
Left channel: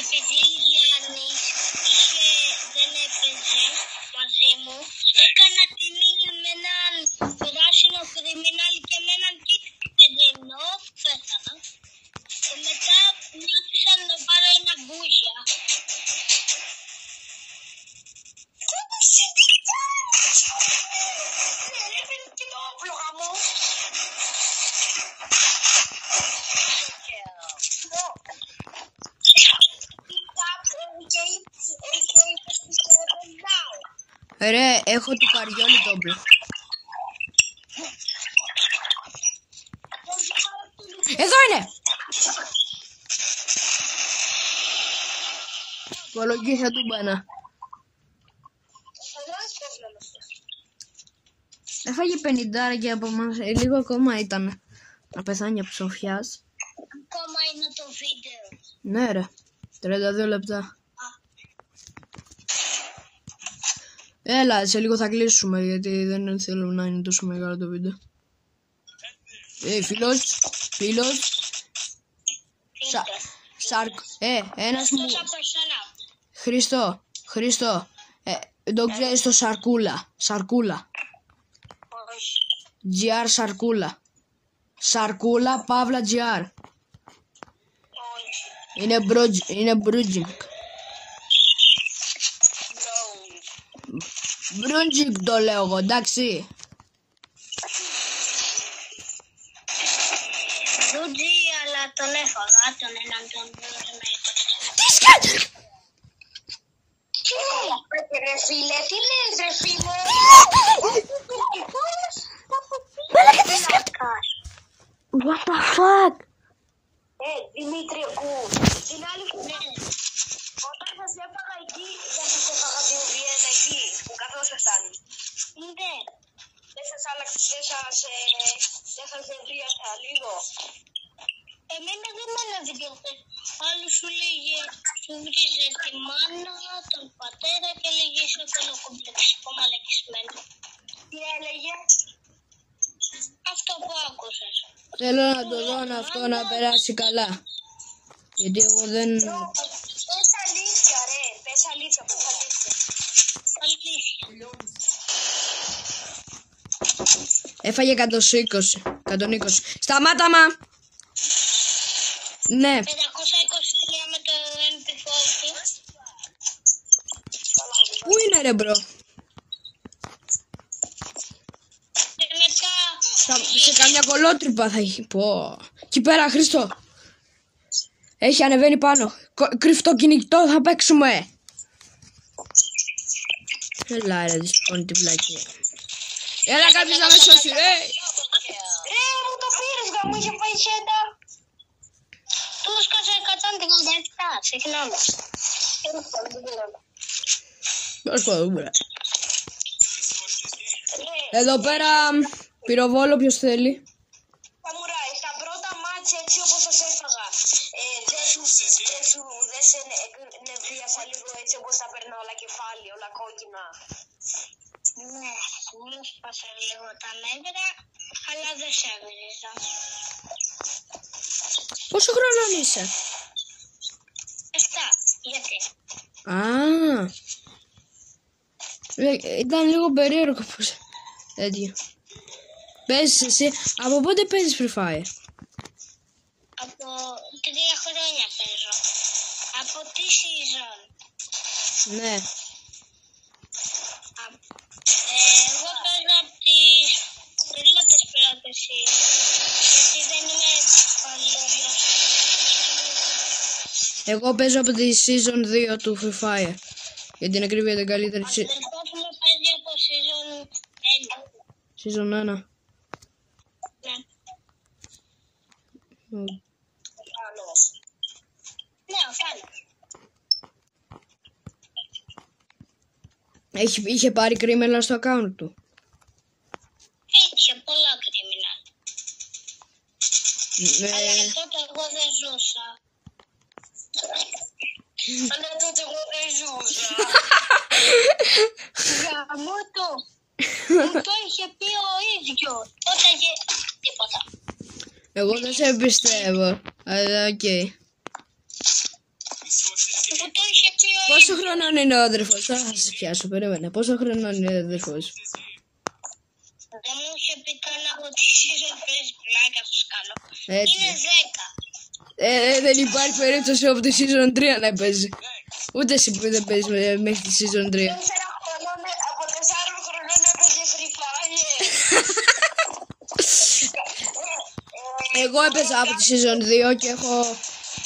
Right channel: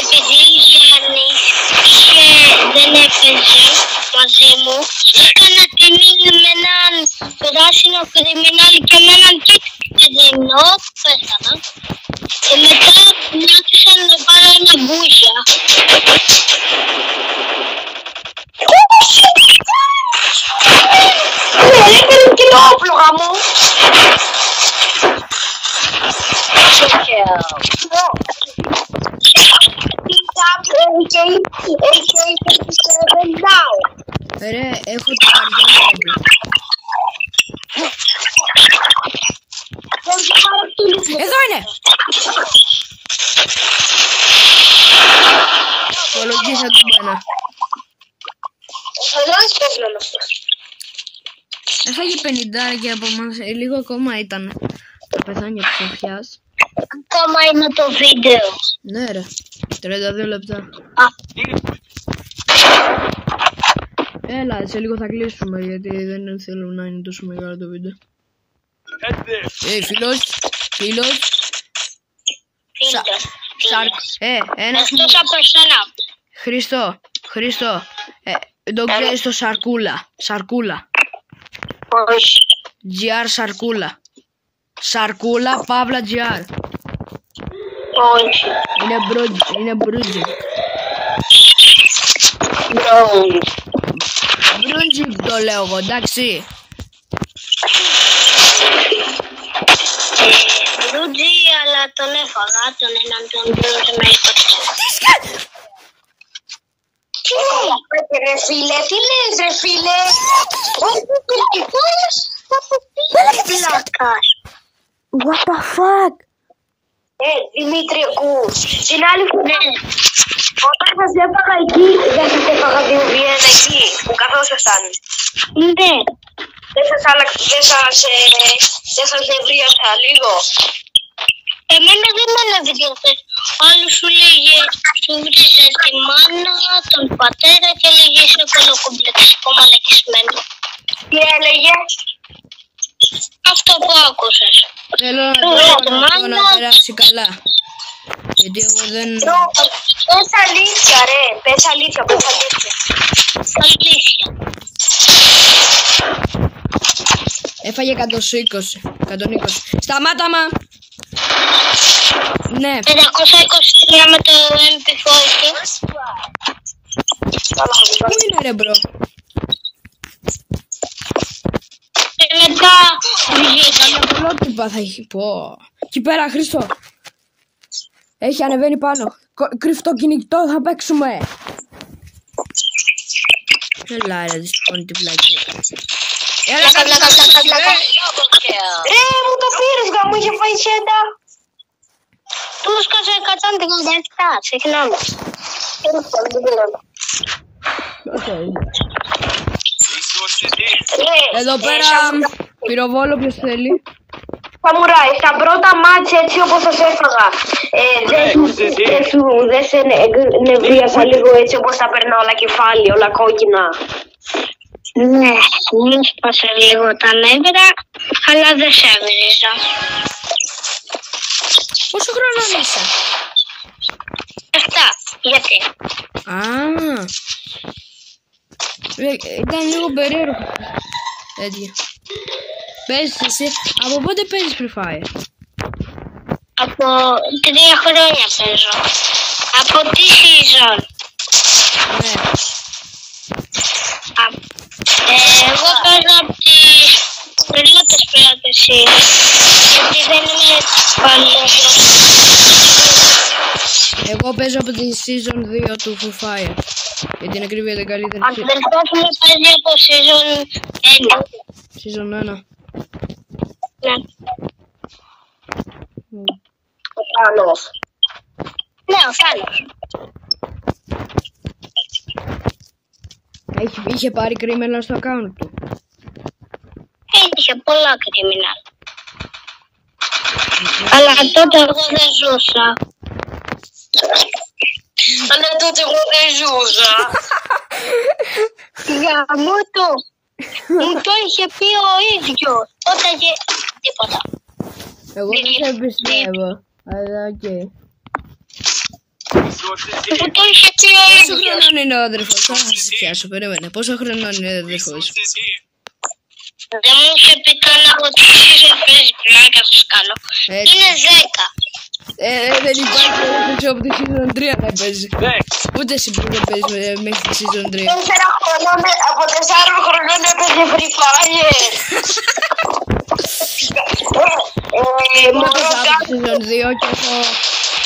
Επειδή ο Γιάννης δεν έπαιζε μαζί μου, έκανα ταινία με έναν πράσινο κριμινάλι και με έναν κίτρινο, πέθανα. Και μετά μου άρχισαν να πάρω ένα μπούζια. Έκανε και το όπλο γαμώ. Ρε, έχω την καρδιά μου. Εδώ είναι! Κολογήσα του μπένα. Έφαγε 50 και από εμάς, λίγο ακόμα ήταν. Θα πεθάνει ο ψαφιάς. Ακόμα είναι το βίντεο. Ναι ρε, 32 λεπτά. Έλα, σε λίγο θα κλείσουμε γιατί δεν θέλω να είναι τόσο μεγάλο το βίντεο. Φίλος. Ένας μου... Χρήστο, το ξέρεις το Σαρκούλα. Όχι. GR Σαρκούλα, Παύλα GR. Όχι. Είναι Μπρούτζικ. Μπρούτζικ το λέω εγώ, εντάξει. Μπρούτζι, αλλά τον έφαγα, τον έναν τον Μπρούτζι με ρε φίλε, τι λες ρε φίλε. What the fuck. Δημήτρη, ακούς. Την άλλη φορά, όταν σας έφαγα εκεί, δεν σας έφαγα 2v1 εκεί, που καθόσασταν. Ναι. Δεν σας νευρίασα λίγο. Εμένα δεν με νευρίασες. Άλλος σου λέγε, σου βρίζε τη μάνα, τον πατέρα και έλεγε είσαι κολοκομπλεξικό μαλακισμένο. Τι έλεγε? Αυτό που άκουσες. Θέλω να περάσει καλά. Γιατί εγώ δεν... Πες αλήθεια ρε, πες αλήθεια. Αλήθεια. Έφαγε 120. Σταμάτα μα. Ναι. 523 με το MP40. Πού είναι ρε μπρο? Και μετά Καμιά κολότυπα θα έχει. Πω. Εκεί πέρα Χρήστο. Έχει ανεβαίνει πάνω. Κρυφτό κυνηγητό θα παίξουμε. Έλα ρε δυσκόνη την πλάκη. Έλα πλάκα. Ρε μου το πήρες γαμώ, είχε φάει χέντα. Του σκάσε 157, συγγνώμη. Εδώ πέρα πυροβόλο ποιος θέλει? Σαμουράι, στα πρώτα μάτς έτσι όπως σας έφαγα, δεν σε νευρίασα λίγο έτσι όπως τα περνά όλα κεφάλι, όλα κόκκινα. Ναι, μου σπάσε λίγο τα νεύρα, αλλά δεν σε έβριζα. Πόσο χρόνο είσαι? 7, γιατί? Ήταν λίγο περίεργο. Τέτοιο. Παίζεις εσύ, από πότε παίζεις Free Fire? Από 3 χρόνια παίζω. Από τι season? Ναι. Εγώ παίζω από τις πρώτες γιατί δεν είναι παλαιός. Εγώ παίζω από τη Season 2 του Free Fire. Για την ακρίβεια την καλύτερη Αν δεν έχουμε παίζει από season 1. Season 1. Ναι. Ο Θάνος. Ναι, ο Θάνος. Είχε πάρει κρίμελα στο account του. Είχε πολλά κρίμινα. Αλλά τότε εγώ δεν ζούσα. Αλλά τότε εγώ δεν ζούσα. Γαμώ το. Μου το είχε πει ο ίδιος. Όταν και τίποτα. Εγώ δεν σε πιστεύω. Αλλά οκ. Μου το είχε πει ο Πόσο ίδιος. χρονών είναι ο αδερφός? Θα σε πιάσω, περίμενε. Πόσο χρονών είναι ο αδερφός? Δεν μου είχε πει καν από τη season παίζει πλάκα σας κάνω. Έτσι. Είναι 10. Δεν υπάρχει περίπτωση από τη Season 3 δεν παίζει. Ούτε εσύ που δεν παίζεις μέχρι τη Season 3. 4 χρονών, από 4 χρονών έπαιζε Free Fire. Εγώ έπαιζα από τη Season 2 και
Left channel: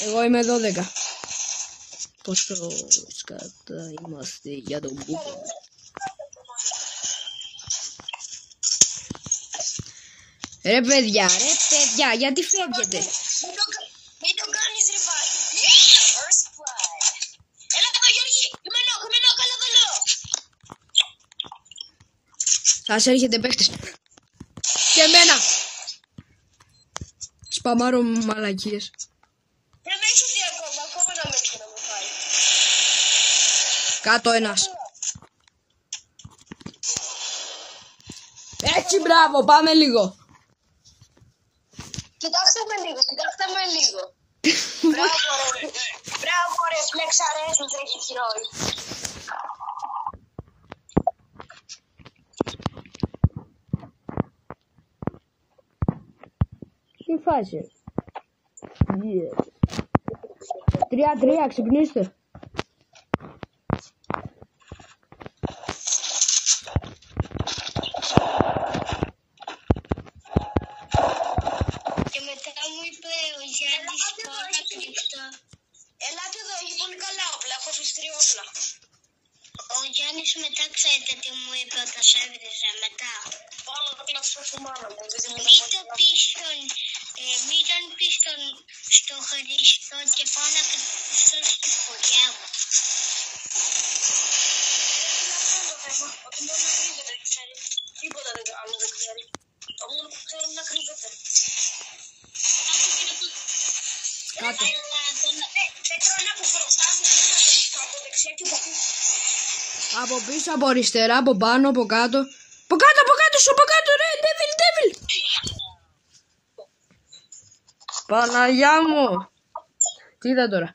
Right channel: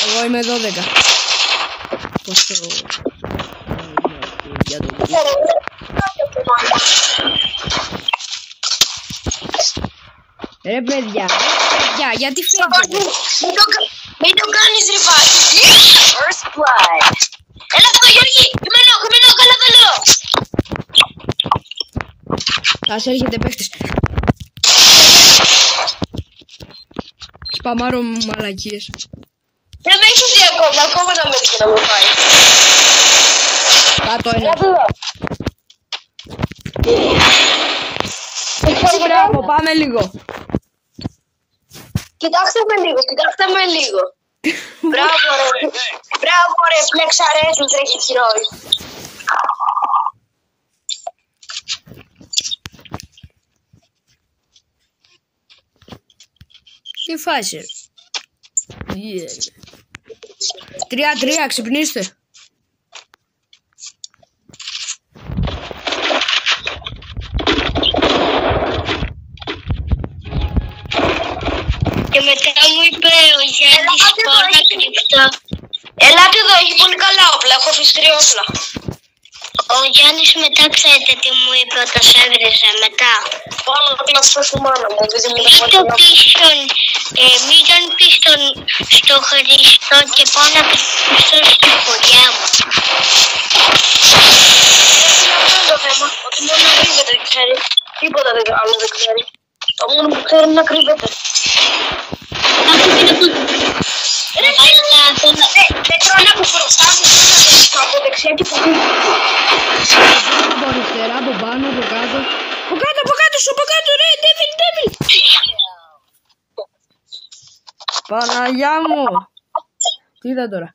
εγώ είμαι 12. Πόσο για το βίντεο. Ρε παιδιά, γιατί φεύγετε? Μην το κάνεις ρε πάλι. First blood. Έλα εδώ Γιώργη, κειμένο, καλά το λέω. Ας έρχεται παίχτης. Σπαμάρω μαλακίες. Δεν με έχεις δει ακόμα να με δει να μου πάει. Κάτω ένας. Έτσι, μπράβο, πάμε λίγο. Κοιτάξτε με λίγο. Μπράβο ρε, φλεξαρέσουν τρέχει χειρόι. Τι φάση? 3-3, ξυπνήστε. Και μετά μου είπε ο Γιάννης πόρτα κρυφτά. Ελάτε εδώ, έχει πολύ καλά όπλα, έχω φυστρή όπλα. Ο Γιάννης μετά ξέρετε τι μου είπε όταν σε έβριζε μετά. Πάνω να σου μάνα μου, επειδή μου είπε ότι μην τον πεις στο Χριστό και πάω να πιστώ στη χωριά μου. Αυτό είναι το θέμα, ότι μόνο να κρύβεται ξέρει, τίποτα άλλο δεν ξέρει. Το μόνο που ξέρει είναι να κρύβεται. Δεν τρώνε από μπροστά μου, από δεξιά και από πίσω. Από αριστερά, από πάνω, από κάτω. Από κάτω σου, από κάτω ρε, devil. Παναγιά μου. Τι είδα τώρα?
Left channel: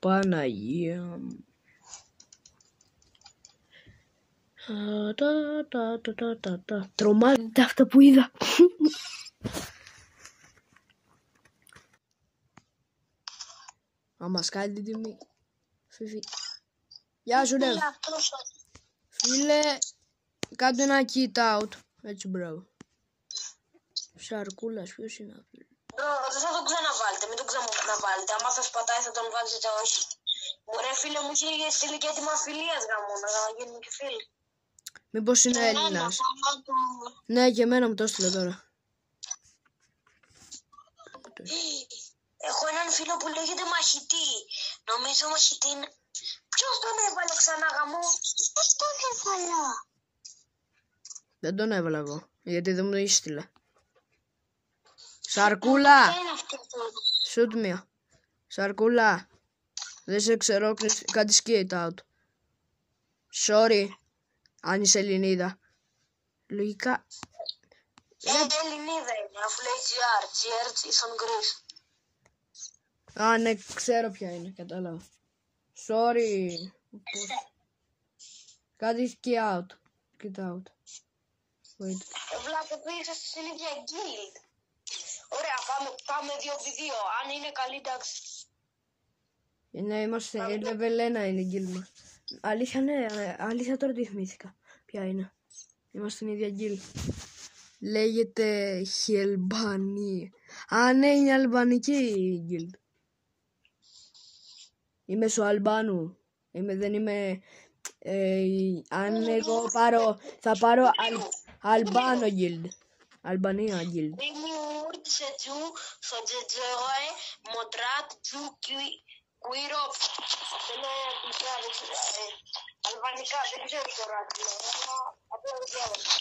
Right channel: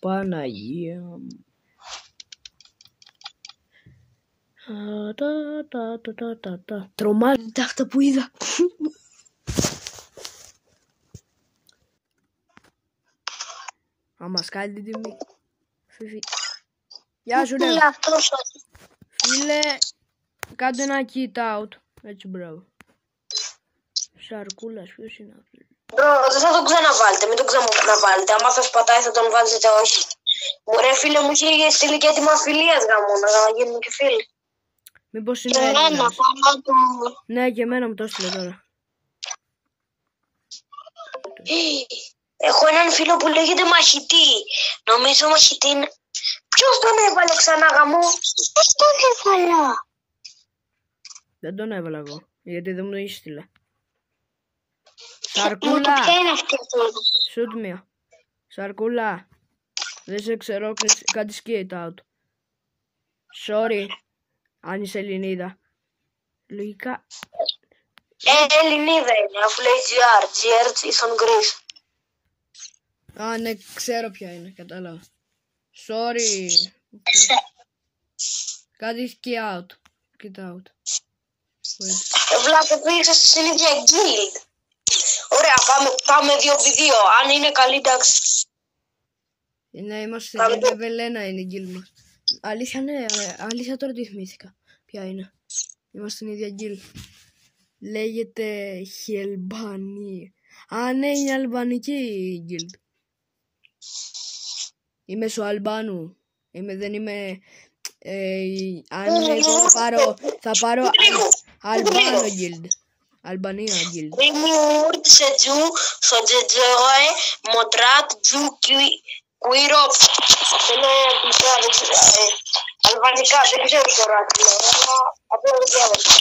Παναγία μου. Τρομάζεται αυτό που είδα. Άμα σκάλει την τιμή. Φίφι. Γεια σου ρε. Φίλε, κάντε ένα kit out. Έτσι μπράβο. Σαρκούλας, ποιος είναι αυτός? Δεν θα τον ξαναβάλετε, μην τον ξαναβάλετε. Άμα θα σπατάει θα τον βάλετε όχι. Ωραία φίλε μου είχε στείλει και έτοιμα φιλίας γαμώνα, να γίνουν και φίλοι. Μήπως είναι Έλληνας? Ναι, και εμένα μου το έστειλε τώρα. Έχω έναν φίλο που λέγεται Μαχητή. Νομίζω Μαχητή είναι... Ποιος τον έβαλε ξανά γαμό? Ποιος τον έβαλα? Δεν τον έβαλα εγώ, γιατί δεν μου το έστειλε. Σαρκούλα! Shoot me. Σαρκούλα! Δεν σε ξέρω, κάτι skate out. Sorry, αν είσαι Ελληνίδα. Λογικά. Ελληνίδα είναι, αφού λέει GR. GR is on Greece. Α, ναι, ξέρω ποια είναι, κατάλαβα. Sorry. Κάτι get out. Get out. Βλάτε, πήγα στην ίδια guild. Ωραία, πάμε 2v2. Αν είναι καλή, εντάξει. Ναι, είμαστε σε level 1 είναι η guild μας. Αλήθεια, ναι, αλήθεια τώρα τι θυμήθηκα. Ποια είναι. Είμαστε στην ίδια guild. Λέγεται Χελμπανή. Α, ναι, είναι αλβανική η guild. Είμαι στο Αλμπάνου. Δεν είμαι... αν εγώ θα πάρω Αλμπάνο guild. Αλμπανία guild. Rimurd σε τζου, στο τζετζόε, μοντράτ, τζου, κουίρο. Είναι αλβανικά, δεν ξέρω τώρα τι λέω, αλλά απλά δεν διάβασα.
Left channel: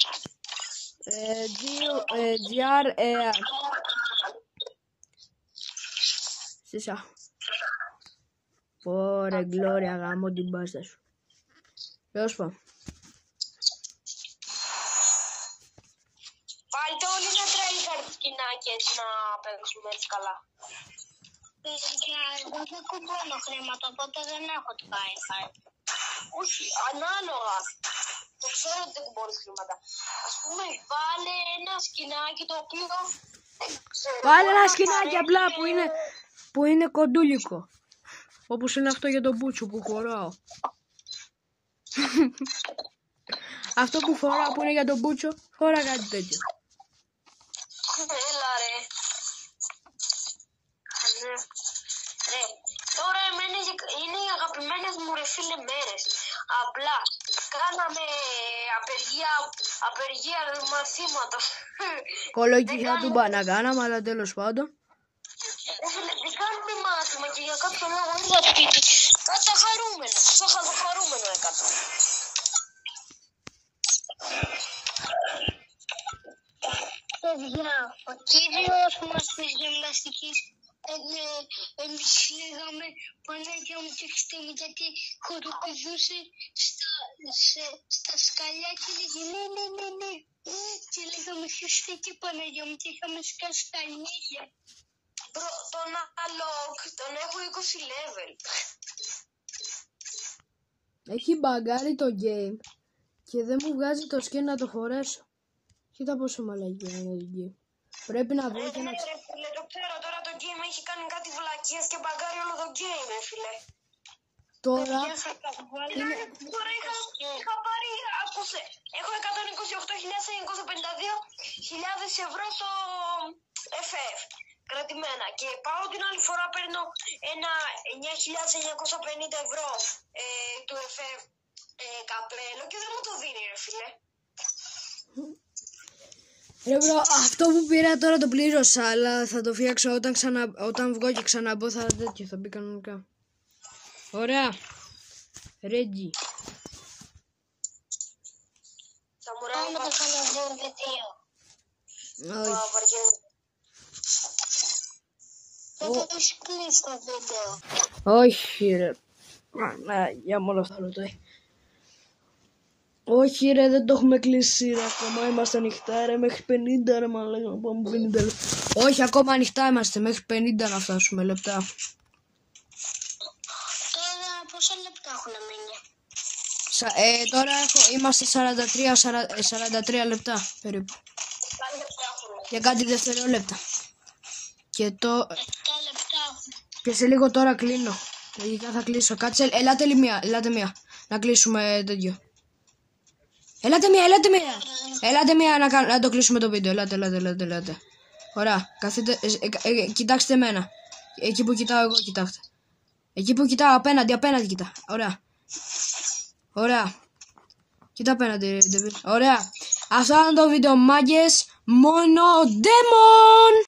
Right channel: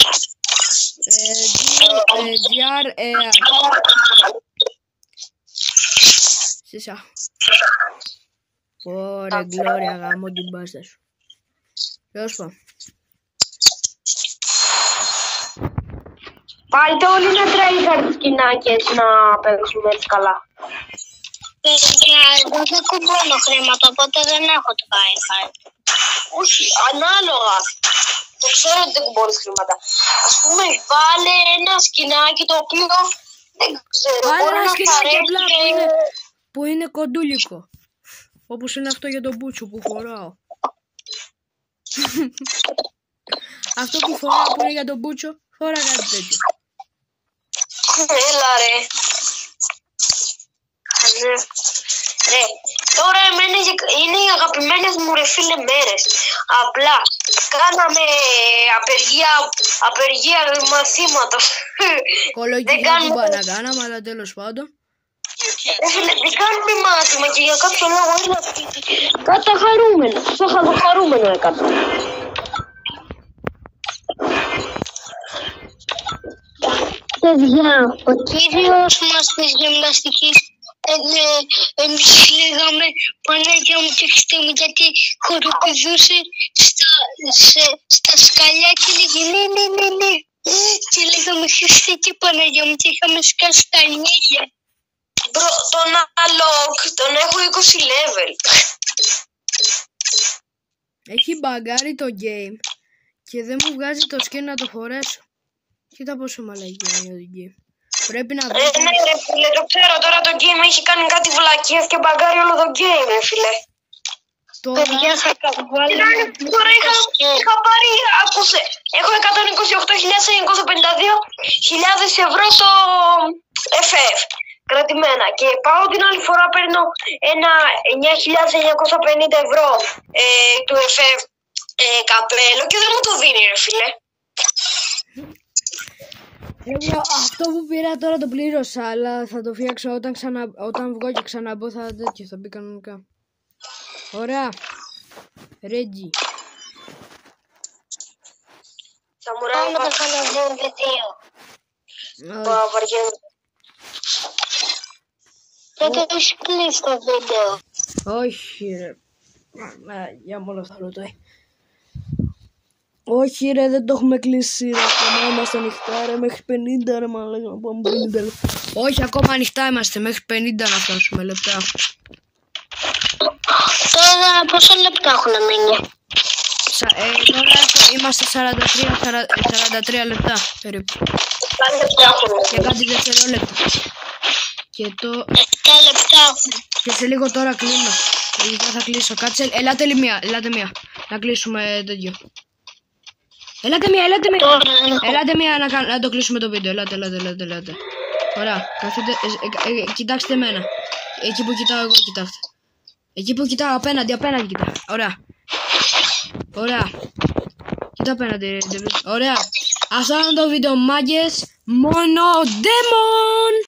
Σίσα. Ωραία, Γκλώρια, γάμω την μπάστα σου. Τέλος πάντων. Βάλτε όλοι να τρέιχαρντ σκηνάκες να παίξουμε έτσι καλά. Εγώ δεν κουμπώνω χρήματα, οπότε δεν έχω το τρέιχαρντ. Όχι, ανάλογα. Το ξέρω ότι δεν κουμπώνεις χρήματα. Ας πούμε, βάλε ένα σκηνάκι το οποίο δεν ξέρω. Βάλε ένα σκηνάκι απλά που είναι κοντούλικο. Όπως είναι αυτό για τον μπούτσο που φοράω. Αυτό που φοράω που είναι για τον μπούτσο, φορά κάτι τέτοιο. Έλα ρε. Ναι. Τώρα εμένα είναι οι αγαπημένες μου ρε φίλε μέρες. Απλά κάναμε απεργία μαθήματος. Κολογική κουμπά να κάναμε, αλλά τέλος πάντων. Δεν κάνουμε μάθημα και για κάποιο λόγο είναι κάτι χαρούμενο. Στο χαρούμενο έκανα. Παιδιά, ο κύριος μας της γυμναστικής εμείς λέγαμε Παναγιά μου και Χριστέ μου γιατί χοροπηδούσε στα σκαλιά και λέγε ναι και λέγαμε Χριστέ και Παναγιά μου και είχαμε σκάσει τα νύχια. Τον Alok τον έχω 20 level. Έχει μπαγκάρει το game και δεν μου βγάζει το skin να το φορέσω. Κοίτα πόσο μαλακή είναι το game. Πρέπει να βρω. Ναι ρε φίλε, το ξέρω τώρα το game έχει κάνει κάτι βλακίες και μπαγκάρει όλο το game ρε φίλε. Παιδιά θα βγάλω. Τώρα είχα πάρει, άκουσε, έχω 128.952.000 ευρώ στο FF. Κρατημένα και πάω την άλλη φορά παίρνω ένα 9.950 ευρώ του FF καπέλο και δεν μου το δίνει ρε φίλε. Αυτό που πήρα τώρα το πλήρωσα, αλλά θα το φτιάξω όταν βγω και ξαναμπω θα μπει κανονικά. Ωραία. Ρέτζι. Θα μου ράβω να κάνω βίντεο. Βαριέμαι. Δεν το έχει κλείσει το βίντεο. Όχι ρε. Για μόνο θα ρωτάει. Όχι ρε, δεν το έχουμε κλείσει ρε. Ακόμα είμαστε ανοιχτά ρε, μέχρι 50 ρε μαλάκα να πάμε 50. Όχι, ακόμα ανοιχτά είμαστε, μέχρι 50 να φτάσουμε λεπτά. Τώρα πόσα λεπτά έχουν μείνει? Τώρα είμαστε 43 λεπτά περίπου. Και κάτι δευτερόλεπτα. Και το... 7 λεπτά έχουν. Και σε λίγο τώρα κλείνω. Λογικά θα κλείσω. Κάτσε, ελάτε μία. Να κλείσουμε τέτοιο. Ελάτε μία να το κλείσουμε το βίντεο. Ελάτε. Ωραία. Κοιτάξτε εμένα. Εκεί που κοιτάω εγώ, κοιτάξτε. Εκεί που κοιτάω απέναντι κοιτάω. Ωραία. Κοίτα απέναντι. Ωραία. Αυτό είναι το βίντεο, μάγκες. Μόνο Demon.